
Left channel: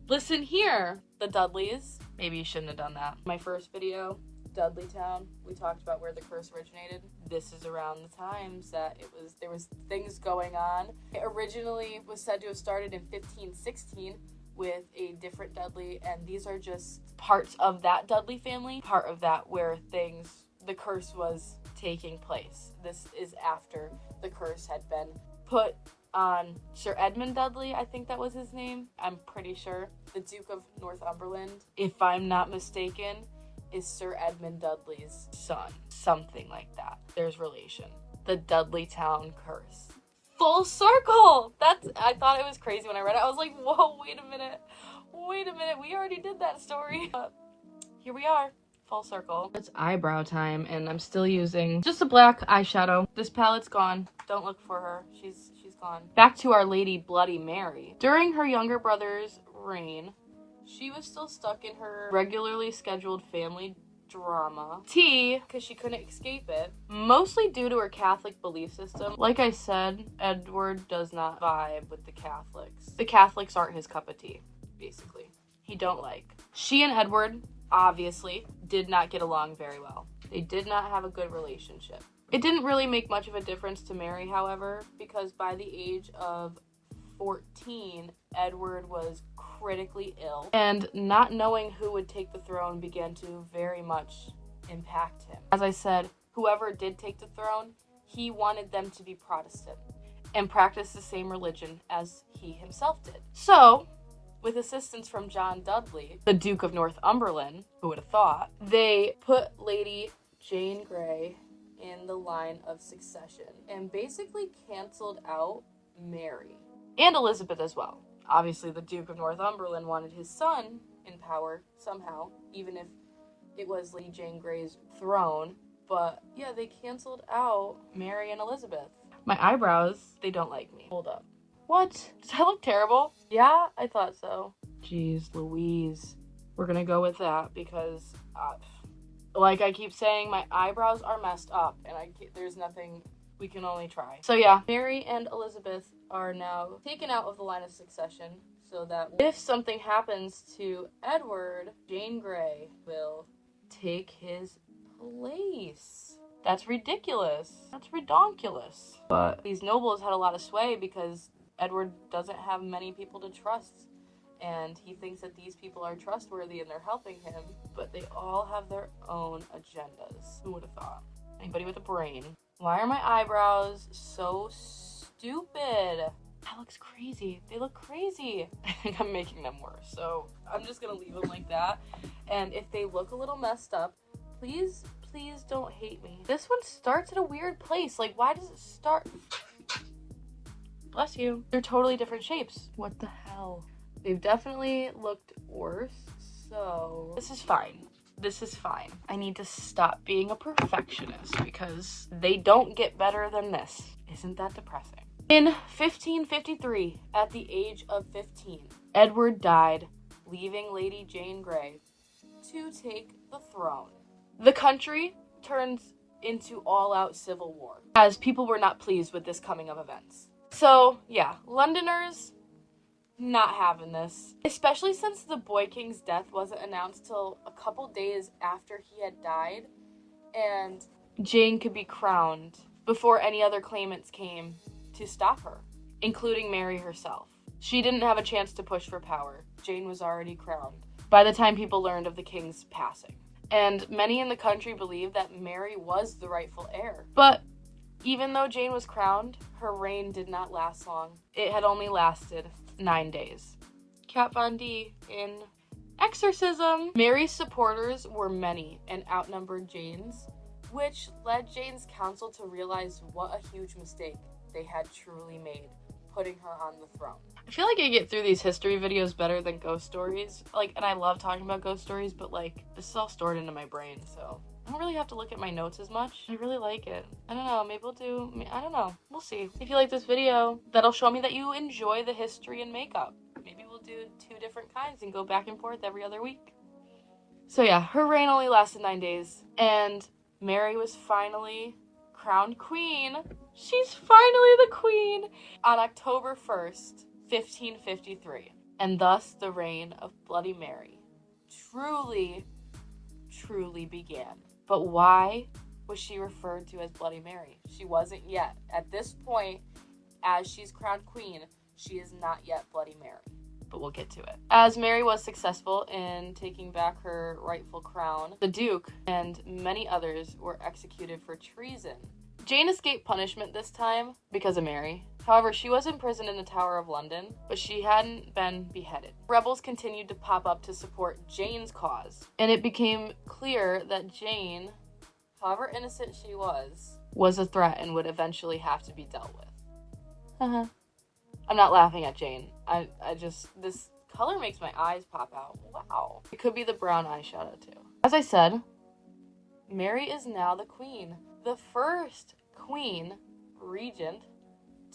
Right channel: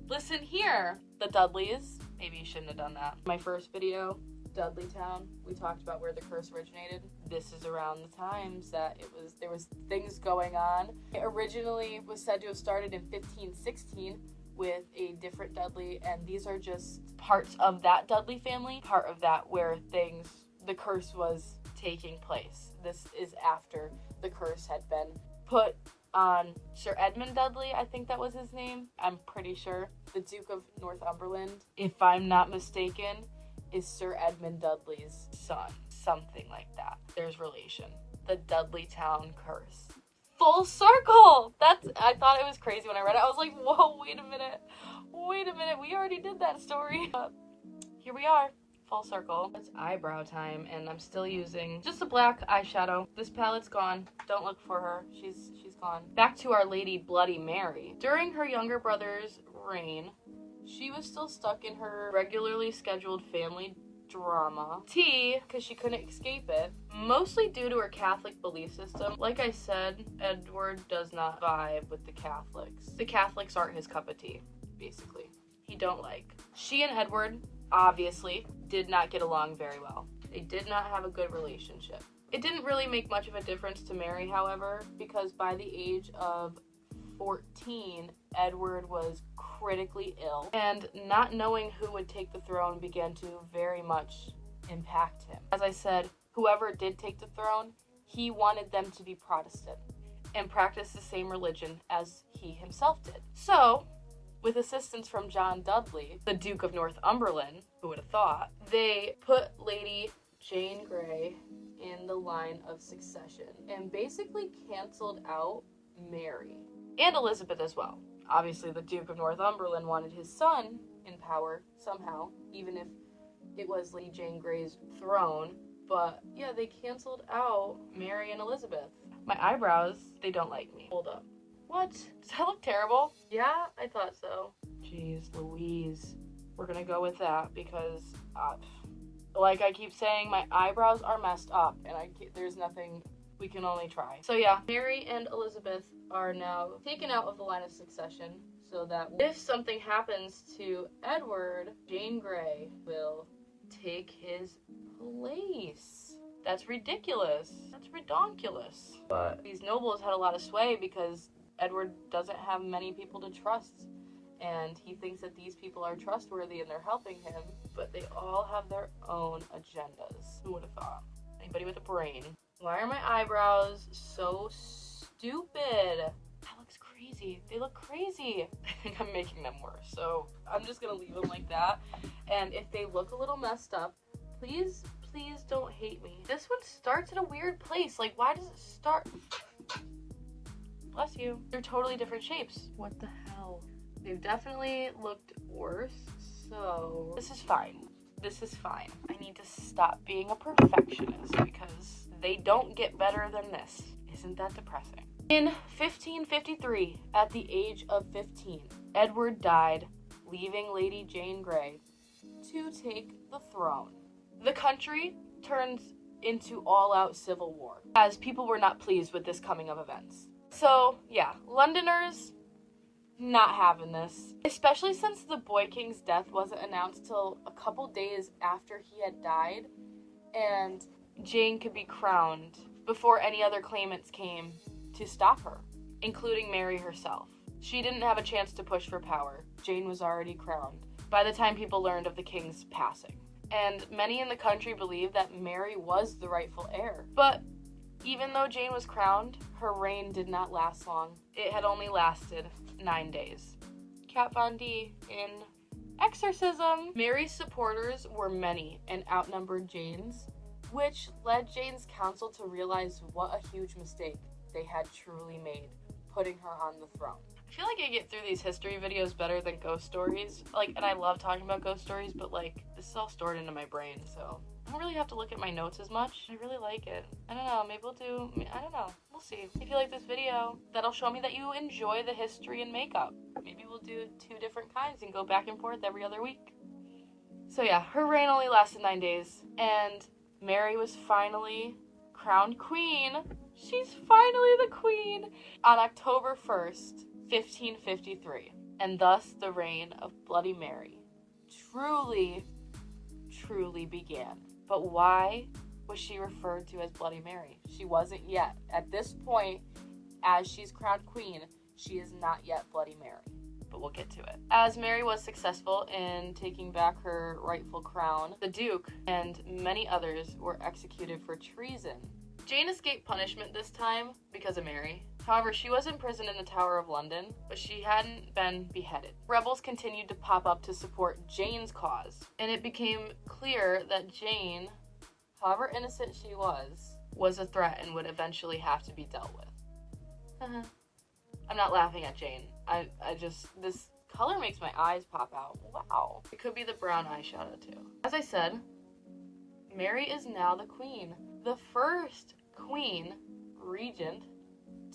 Listen here, the Dudleys. Maybe you shouldn't have done that. My first video, Dudleytown, we talked about where the curse originated. This is around the times that there was things going on. It originally was said to have started in 1516 with a different Dudley, and these are just parts of that Dudley family, part of that where the curse was taking place. This is after the curse had been put on Sir Edmund Dudley, I think that was his name. I'm pretty sure. The Duke of Northumberland, if I'm not mistaken, is Sir Edmund Dudley's son. Something like that. There's relation. The Dudleytown curse. Full circle! I thought it was crazy when I read it. I was like, whoa, wait a minute. We already did that story. But here we are. Full circle. It's eyebrow time, and I'm still using just a black eyeshadow. This palette's gone. Don't look for her. She's gone. Back to Our Lady Bloody Mary. During her younger brother's reign, she was still stuck in her regularly scheduled family drama. Because she couldn't escape it, mostly due to her Catholic belief system. Like I said, Edward does not vibe with the Catholics. The Catholics aren't his cup of tea, basically. He don't like. She and Edward, obviously, did not get along very well. They did not have a good relationship. It didn't really make much of a difference to Mary, however, because by the age of 14, Edward was critically ill, and not knowing who would take the throne began to very much impact him. As I said, whoever did take the throne, he wanted them to be Protestant and practice the same religion as he himself did. So, with assistance from John Dudley, the Duke of Northumberland, who would have thought, they put Lady Jane Grey in the line of succession and basically canceled out Mary and Elizabeth as well. Obviously, the Duke of Northumberland wanted his son in power somehow, even if it was Lady Jane Grey's throne. But yeah, they canceled out Mary and Elizabeth. My eyebrows, they don't like me. Hold up. What? Does that look terrible? Yeah, I thought so. Jeez Louise. We're gonna go with that because, like I keep saying, my eyebrows are messed up and there's nothing, we can only try. So yeah, Mary and Elizabeth are now taken out of the line of succession so that if something happens to Edward, Jane Grey will take his place. That's ridiculous. That's redonkulous. But these nobles had a lot of sway because Edward doesn't have many people to trust, and he thinks that these people are trustworthy and they're helping him, but they all have their own agendas. Who would have thought? Anybody with a brain. Why are my eyebrows so stupid? That looks crazy. They look crazy. I think I'm making them worse, so I'm just gonna leave them like that. And if they look a little messed up, please don't hate me. This one starts at a weird place. Like, why does it start? Bless you. They're totally different shapes. What the hell? They've definitely looked worse, so this is fine. This is fine. I need to stop being a perfectionist because they don't get better than this. Isn't that depressing? In 1553, at the age of 15, Edward died, leaving Lady Jane Grey to take the throne. The country turns into all-out civil war, as people were not pleased with this coming of events. So, yeah, Londoners not having this, especially since the Boy King's death wasn't announced till a couple days after he had died, and Jane could be crowned before any other claimants came to stop her, including Mary herself. She didn't have a chance to push for power. Jane was already crowned by the time people learned of the king's passing. And many in the country believed that Mary was the rightful heir. But even though Jane was crowned, her reign did not last long. It had only lasted 9 days. Kat Von D in Exorcism. Mary's supporters were many and outnumbered Jane's, which led Jane's council to realize what a huge mistake they had truly made, putting her on the throne. I feel like I get through these history videos better than ghost stories. And I love talking about ghost stories, but this is all stored into my brain, so I don't really have to look at my notes as much. I really like it. I don't know, maybe we'll do, I don't know. We'll see. If you like this video, that'll show me that you enjoy the history and makeup. Maybe we'll do 2 different kinds and go back and forth every other week. So yeah, her reign only lasted 9 days, and Mary was finally crowned queen. She's finally the queen on October 1st, 1553. And thus the reign of Bloody Mary truly began. But why was she referred to as Bloody Mary? She wasn't yet. At this point, as she's crowned queen, she is not yet Bloody Mary. But we'll get to it. As Mary was successful in taking back her rightful crown, the Duke and many others were executed for treason. Jane escaped punishment this time because of Mary. However, she was imprisoned in the Tower of London, but she hadn't been beheaded. Rebels continued to pop up to support Jane's cause, and it became clear that Jane, however innocent she was a threat and would eventually have to be dealt with. I'm not laughing at Jane. I just, this color makes my eyes pop out. Wow. It could be the brown eyeshadow too. As I said, Mary is now the queen. The first queen regent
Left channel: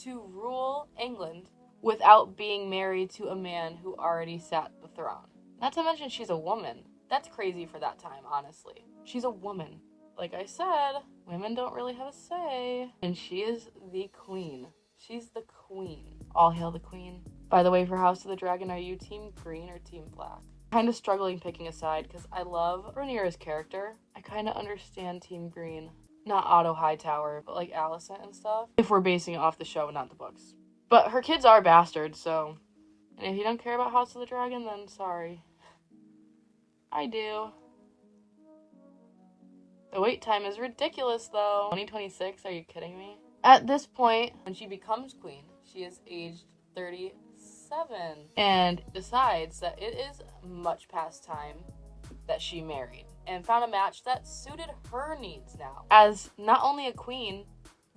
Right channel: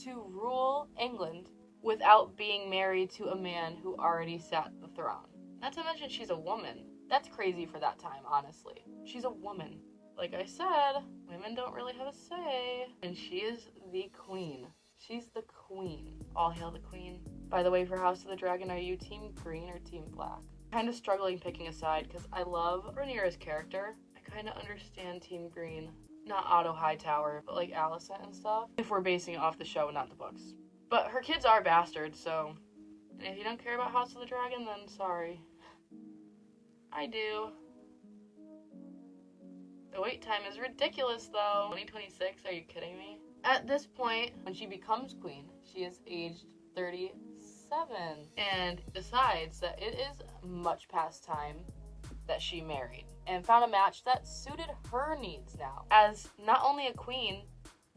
to rule England without being married to a man who already sat the throne. Not to mention she's a woman. That's crazy for that time, honestly. She's a woman. Like I said, women don't really have a say. And she is the queen. She's the queen. All hail the queen. By the way, for House of the Dragon, are you team green or team black? Kind of struggling picking a side because I love Rhaenyra's character. I kind of understand team green. Not Otto Hightower, but like Alicent and stuff. If we're basing it off the show, not the books. But her kids are bastards, so. And if you don't care about House of the Dragon, then sorry. I do. The wait time is ridiculous, though. 2026? Are you kidding me? At this point, when she becomes queen, she is aged 37. and decides that it is much past time that she married and found a match that suited her needs now, as not only a queen,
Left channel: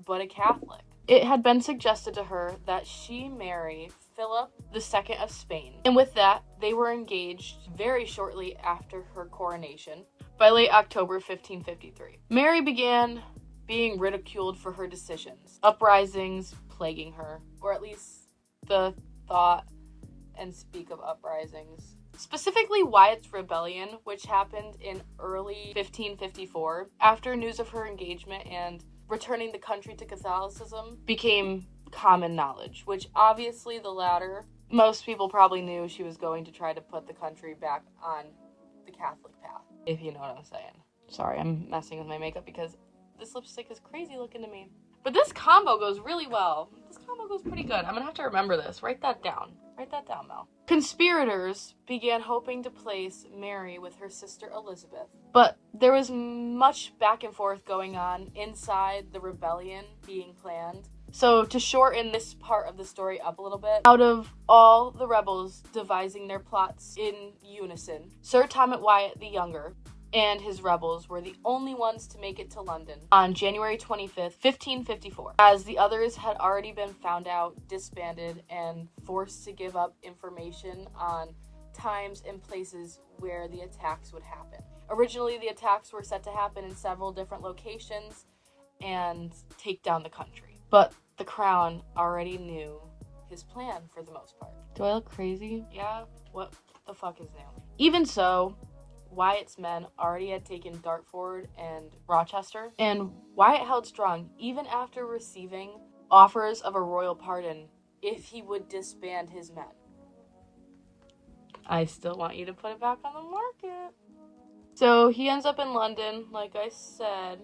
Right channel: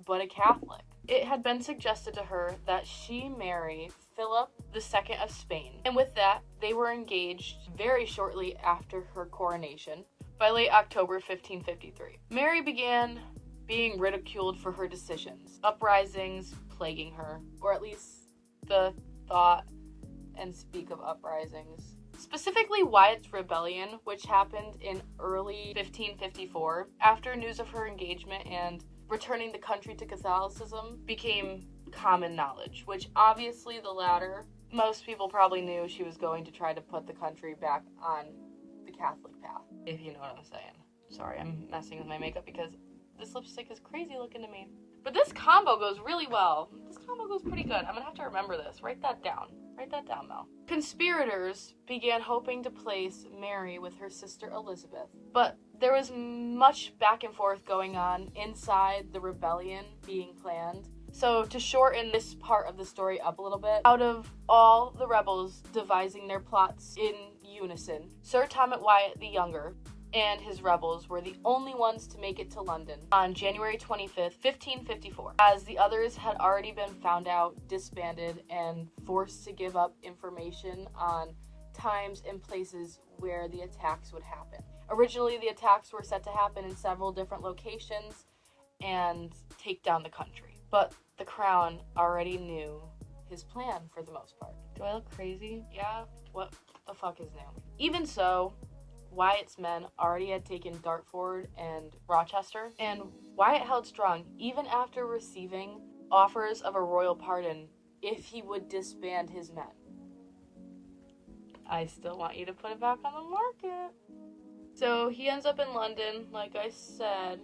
but a Catholic. It had been suggested to her that she marry Philip II of Spain, and with that, they were engaged very shortly after her coronation, by late October 1553. Mary began being ridiculed for her decisions, uprisings plaguing her, or at least the thought and speak of uprisings. Specifically Wyatt's rebellion, which happened in early 1554, after news of her engagement and returning the country to Catholicism became common knowledge, which obviously the latter, most people probably knew she was going to try to put the country back on the Catholic path, if you know what I'm saying. Sorry, I'm messing with my makeup because this lipstick is crazy looking to me. But this combo goes really well. This combo goes pretty good. I'm gonna have to remember this. Write that down. Write that down, Mel. Conspirators began hoping to place Mary with her sister Elizabeth, but there was much back and forth going on inside the rebellion being planned. So to shorten this part of the story up a little bit, out of all the rebels devising their plots in unison, Sir Thomas Wyatt the Younger and his rebels were the only ones to make it to London on January 25th, 1554, as the others had already been found out, disbanded, and forced to give up information on times and places where the attacks would happen. Originally, the attacks were set to happen in several different locations and take down the country. But the Crown already knew his plan for the most part. Do I look crazy? Yeah? What the fuck is that? Even so, Wyatt's men already had taken Dartford and Rochester, and Wyatt held strong even after receiving offers of a royal pardon if he would disband his men. I still want you to put it back on the market. So he ends up in London, like I said,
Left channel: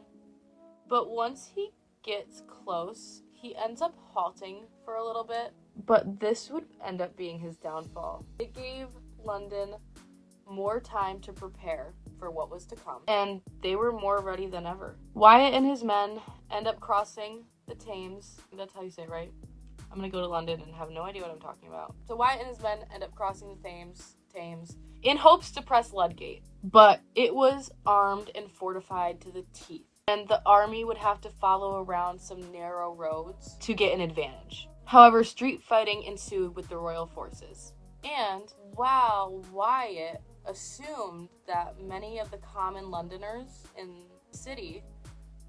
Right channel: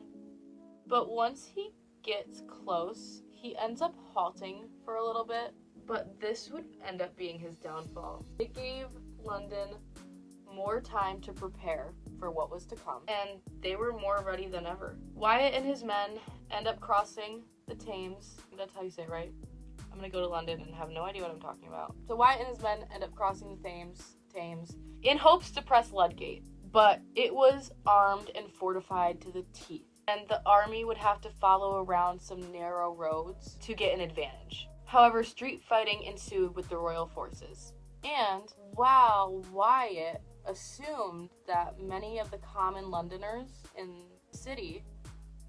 but once he gets close, he ends up halting for a little bit, but this would end up being his downfall. It gave London more time to prepare for what was to come, and they were more ready than ever. Wyatt and his men end up crossing the Thames. That's how you say it, right? I'm gonna go to London and have no idea what I'm talking about. So Wyatt and his men end up crossing the Thames in hopes to press Ludgate, but it was armed and fortified to the teeth, and the army would have to follow around some narrow roads to get an advantage. However, street fighting ensued with the royal forces, and while Wyatt assumed that many of the common Londoners in the city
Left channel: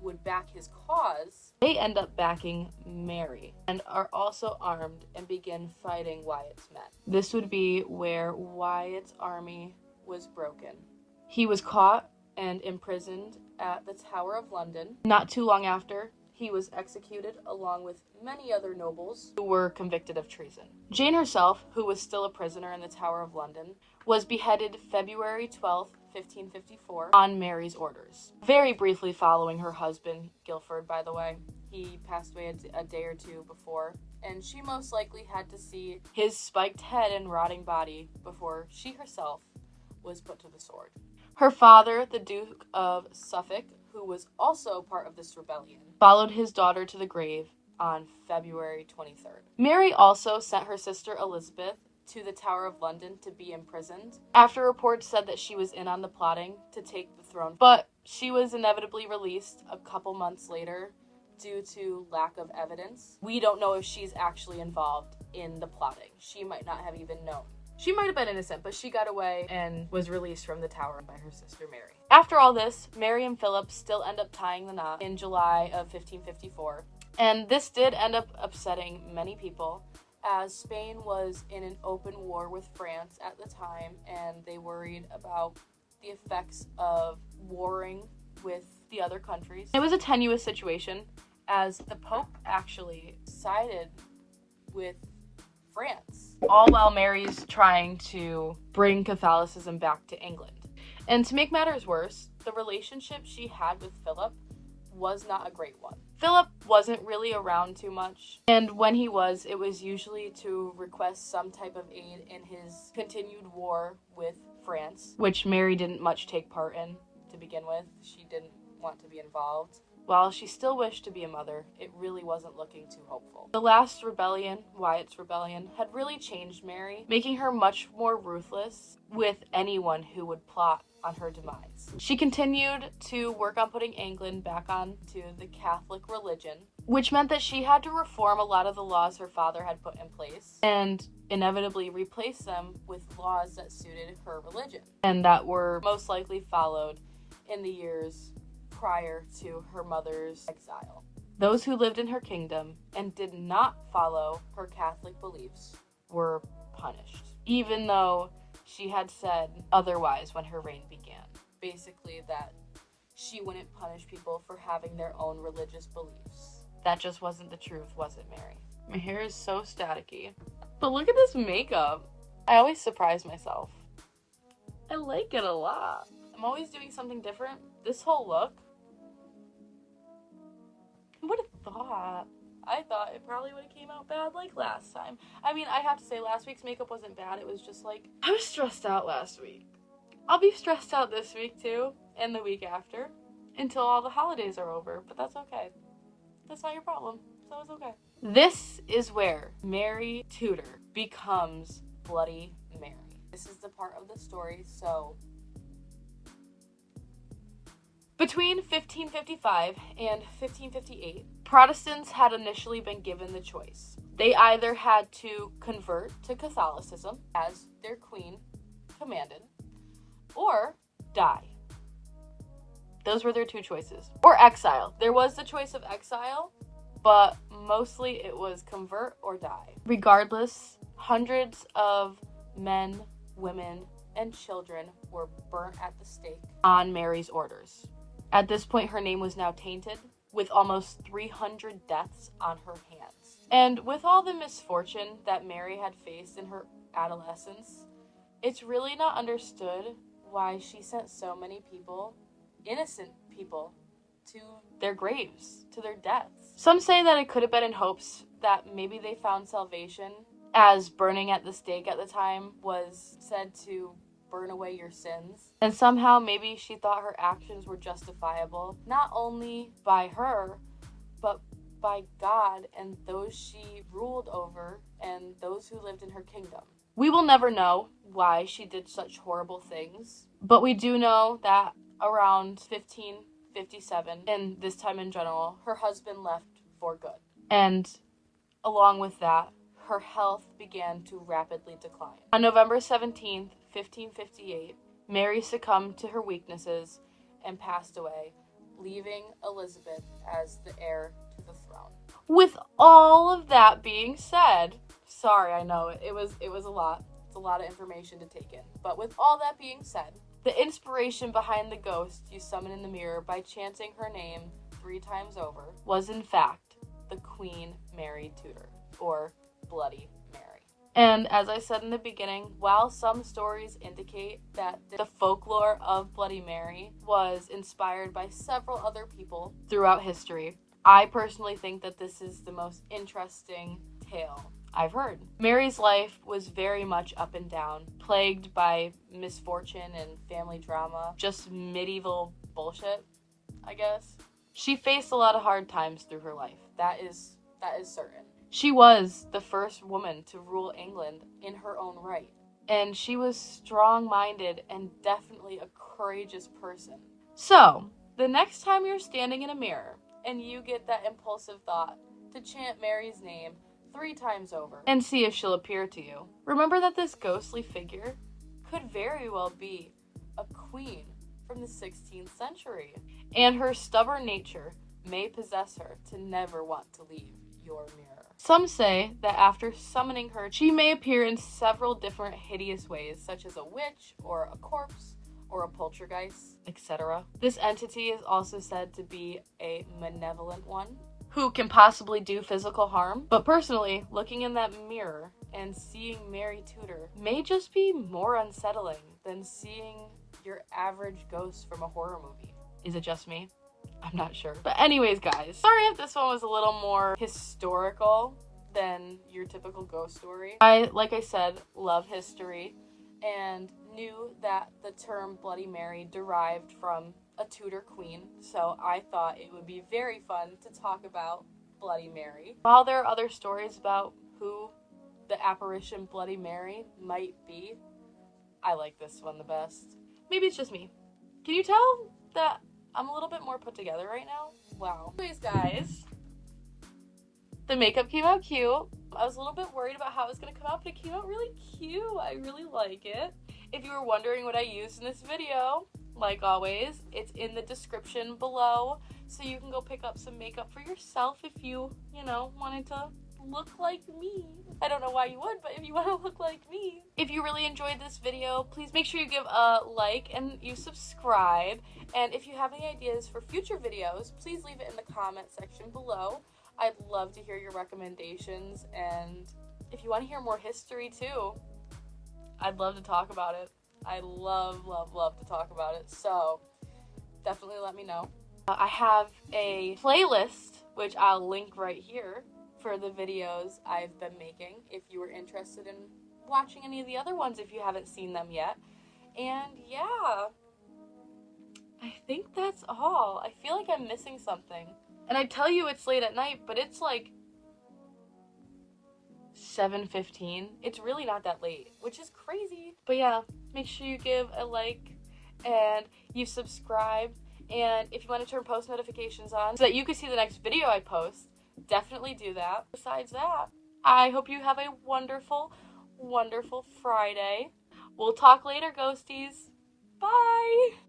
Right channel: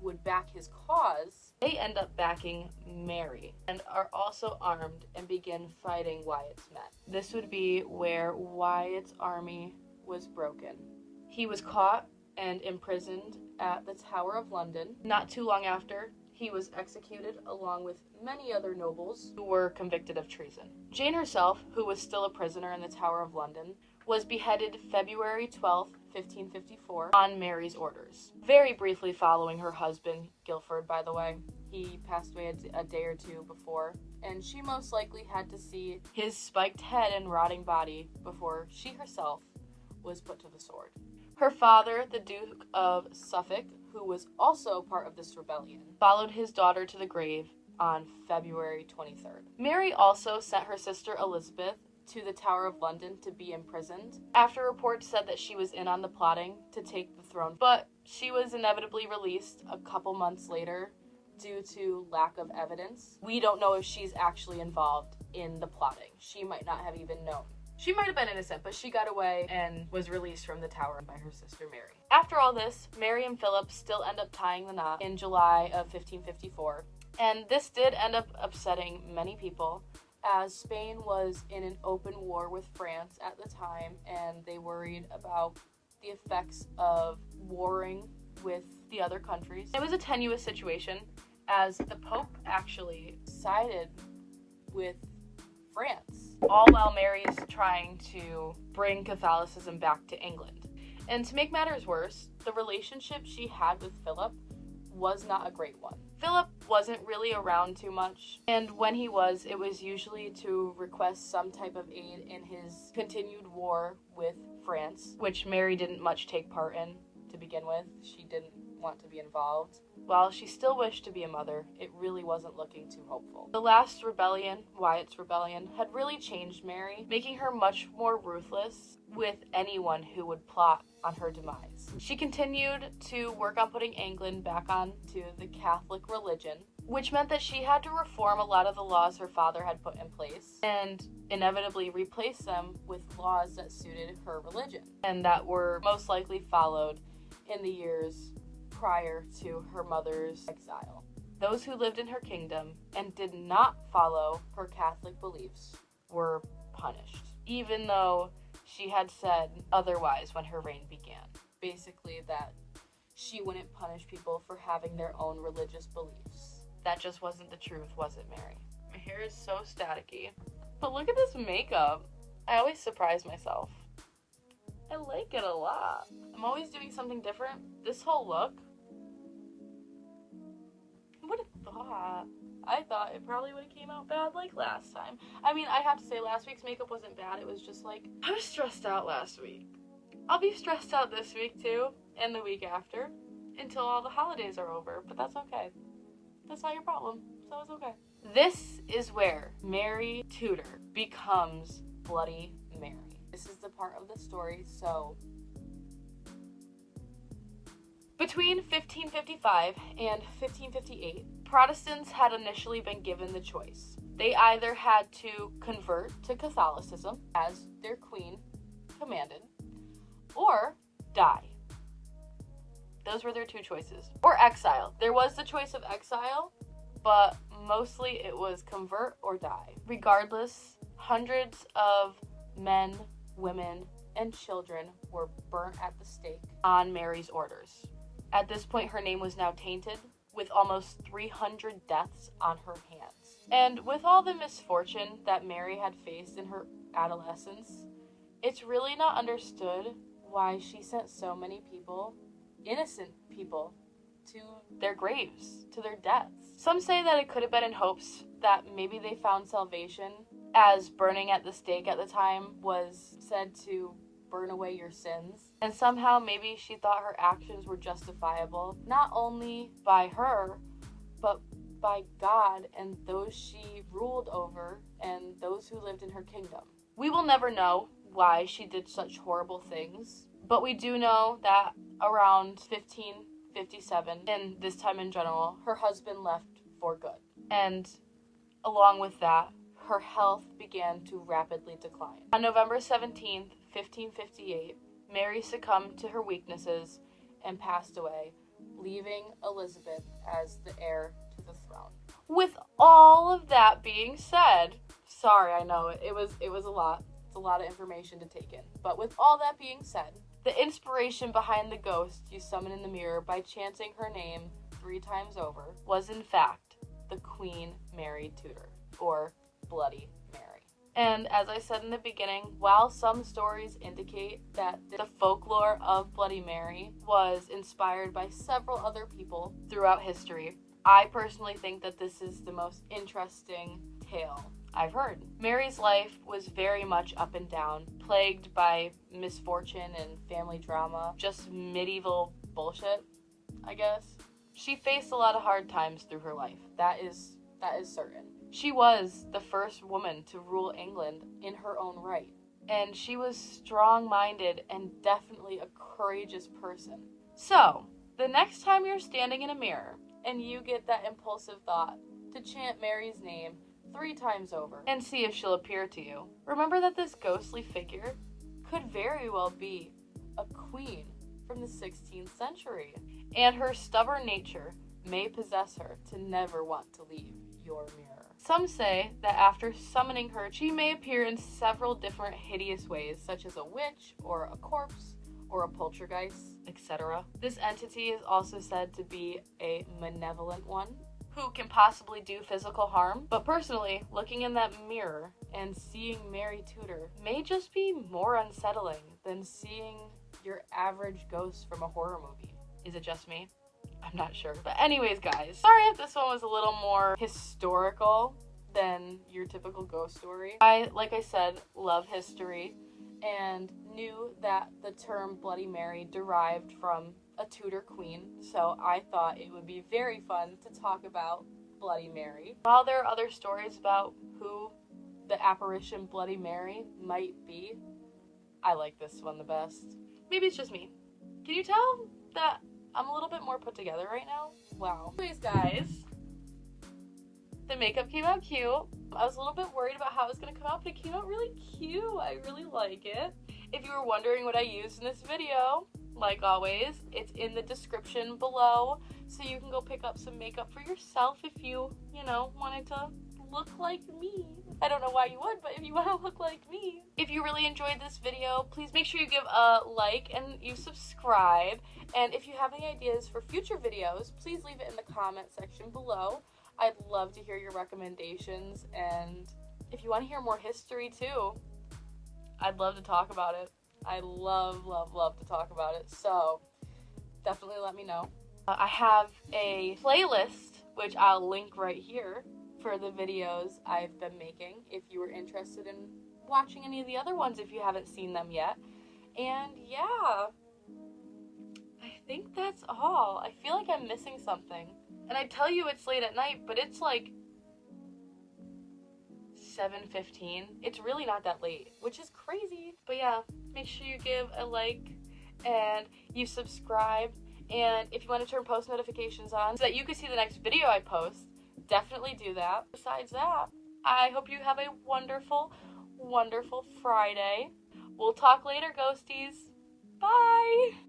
would back his cause, they end up backing Mary and are also armed and begin fighting Wyatt's men. This would be where Wyatt's army was broken. He was caught and imprisoned at the Tower of London. Not too long after, he was executed along with many other nobles who were convicted of treason. Jane herself, who was still a prisoner in the Tower of London, was beheaded February 12th, 1554, on Mary's orders. Very briefly following her husband, Guilford, by the way. He passed away a day or two before, and she most likely had to see his spiked head and rotting body before she herself was put to the sword. Her father, the Duke of Suffolk, who was also part of this rebellion, followed his daughter to the grave on February 23rd. Mary also sent her sister Elizabeth to the Tower of London to be imprisoned, after reports said that she was in on the plotting to take the throne, but she was inevitably released a couple months later due to lack of evidence. We don't know if she's actually involved in the plotting. She might not have even known. She might have been innocent, but she got away and was released from the tower by her sister Mary. After all this, Mary and Philip still end up tying the knot in July of 1554, and this did end up upsetting many people, as Spain was in an open war with France at the time, and they worried about the effects of warring with the other countries. It was a tenuous situation, as the Pope actually sided with France, all while Mary's trying to bring Catholicism back to England. And to make matters worse, the relationship she had with Philip was not a great one. Philip wasn't really around too much, and when he was, it was usually to request some type of aid in his continued war with France, which Mary didn't much take part in to begin with. She didn't want to be involved. While she still wished to be a mother, it really wasn't looking too hopeful. The last rebellion, Wyatt's rebellion, had really changed Mary, making her much more ruthless with anyone who would plot on her demise. She continued to work on putting England back onto the Catholic religion, which meant that she had to reform a lot of the laws her father had put in place and inevitably replace them with laws that suited her religion and that were most likely followed in the years prior to her mother's exile. Those who lived in her kingdom and did not follow her Catholic beliefs were punished, even though she had said otherwise when her reign began. Basically, that she wouldn't punish people for having their own religious beliefs. That just wasn't the truth, was it, Mary? My hair is so staticky. But look at this makeup. I always surprise myself. I like it a lot. I'm always doing something different. This whole look. Who would have thought? I thought it probably would have came out bad like last time. I mean, I have to say last week's makeup wasn't bad. It was just like, I was stressed out last week. I'll be stressed out this week too, and the week after, until all the holidays are over, but that's okay. That's not your problem, so it's okay. This is where Mary Tudor becomes Bloody Mary. This is the part of the story, so between 1555 and 1558, Protestants had initially been given the choice. They either had to convert to Catholicism, as their queen commanded, or die. Those were their two choices. Or exile. There was the choice of exile, but mostly it was convert or die. Regardless, hundreds of men, women, and children were burnt at the stake on Mary's orders. At this point, her name was now tainted, with almost 300 deaths on her hands. And with all the misfortune that Mary had faced in her adolescence, it's really not understood why she sent so many people, innocent people, to their graves, to their deaths. Some say that it could have been in hopes that maybe they found salvation, as burning at the stake at the time was said to burn away your sins. And somehow maybe she thought her actions were justifiable, not only by her, but by God and those she ruled over and those who lived in her kingdom. We will never know why she did such horrible things, but we do know that around 1557, and this time in general, her husband left for good. And along with that, her health began to rapidly decline. On November 17th, 1558, Mary succumbed to her weaknesses and passed away, leaving Elizabeth as the heir to the throne. With all of that being said, sorry, I know it was a lot. It's a lot of information to take in. But with all that being said, the inspiration behind the ghost you summon in the mirror by chanting her name 3 times over was in fact the Queen Mary Tudor, or Bloody Mary. And as I said in the beginning, while some stories indicate that the folklore of Bloody Mary was inspired by several other people throughout history, I personally think that this is the most interesting tale I've heard. Mary's life was very much up and down, plagued by misfortune and family drama, just medieval bullshit, I guess. She faced a lot of hard times through her life. That is certain. She was the first woman to rule England in her own right, and she was strong-minded and definitely a courageous person. So, the next time you're standing in a mirror and you get that impulsive thought to chant Mary's name 3 times over and see if she'll appear to you, remember that this ghostly figure could very well be a queen from the 16th century, and her stubborn nature may possess her to never want to leave your mirror. Some say that after summoning her, she may appear in several different hideous ways, such as a witch, or a corpse, or a poltergeist, etc. This entity is also said to be a malevolent one, who can possibly do physical harm. But personally, looking in that mirror and seeing Mary Tudor may just be more unsettling than seeing your average ghost from a horror movie. Is it just me? I'm not sure. But anyways, guys, sorry if this one was a little more historical than your typical ghost story. Like I said, love history and knew that the term Bloody Mary derived from a Tudor queen, so I thought it would be very fun to talk about Bloody Mary. While there are other stories about who the apparition Bloody Mary might be, I like this one the best. Maybe it's just me. Can you tell that I'm a little bit more put together right now? Wow. Anyways, guys, the makeup came out cute. I was a little bit worried about how it was going to come out, but it came out really cute. I really like it. If you were wondering what I used in this video, like always, it's in the description below, so you can go pick up some makeup for yourself if you wanted to look like me. I don't know why you would, but if you want to look like me. If you really enjoyed this video, please make sure you give a like and you subscribe. And if you have any ideas for future videos, please leave it in the comment section below. I'd love to hear your recommendations, and if you want to hear more history too, I'd love to talk about it. I love, love, love to talk about it, so definitely let me know. I have a playlist, which I'll link right here, for the videos I've been making, if you were interested in watching any of the other ones if you haven't seen them yet. And yeah, I think that's all. I feel like I'm missing something. And I tell you it's late at night, but it's like 7:15. It's really not that late, which is crazy. But yeah, make sure you give a like and you subscribe. And if you want to turn post notifications on so that you can see the next video I post, definitely do that. Besides that, I hope you have a wonderful, wonderful Friday. We'll talk later, ghosties. Bye!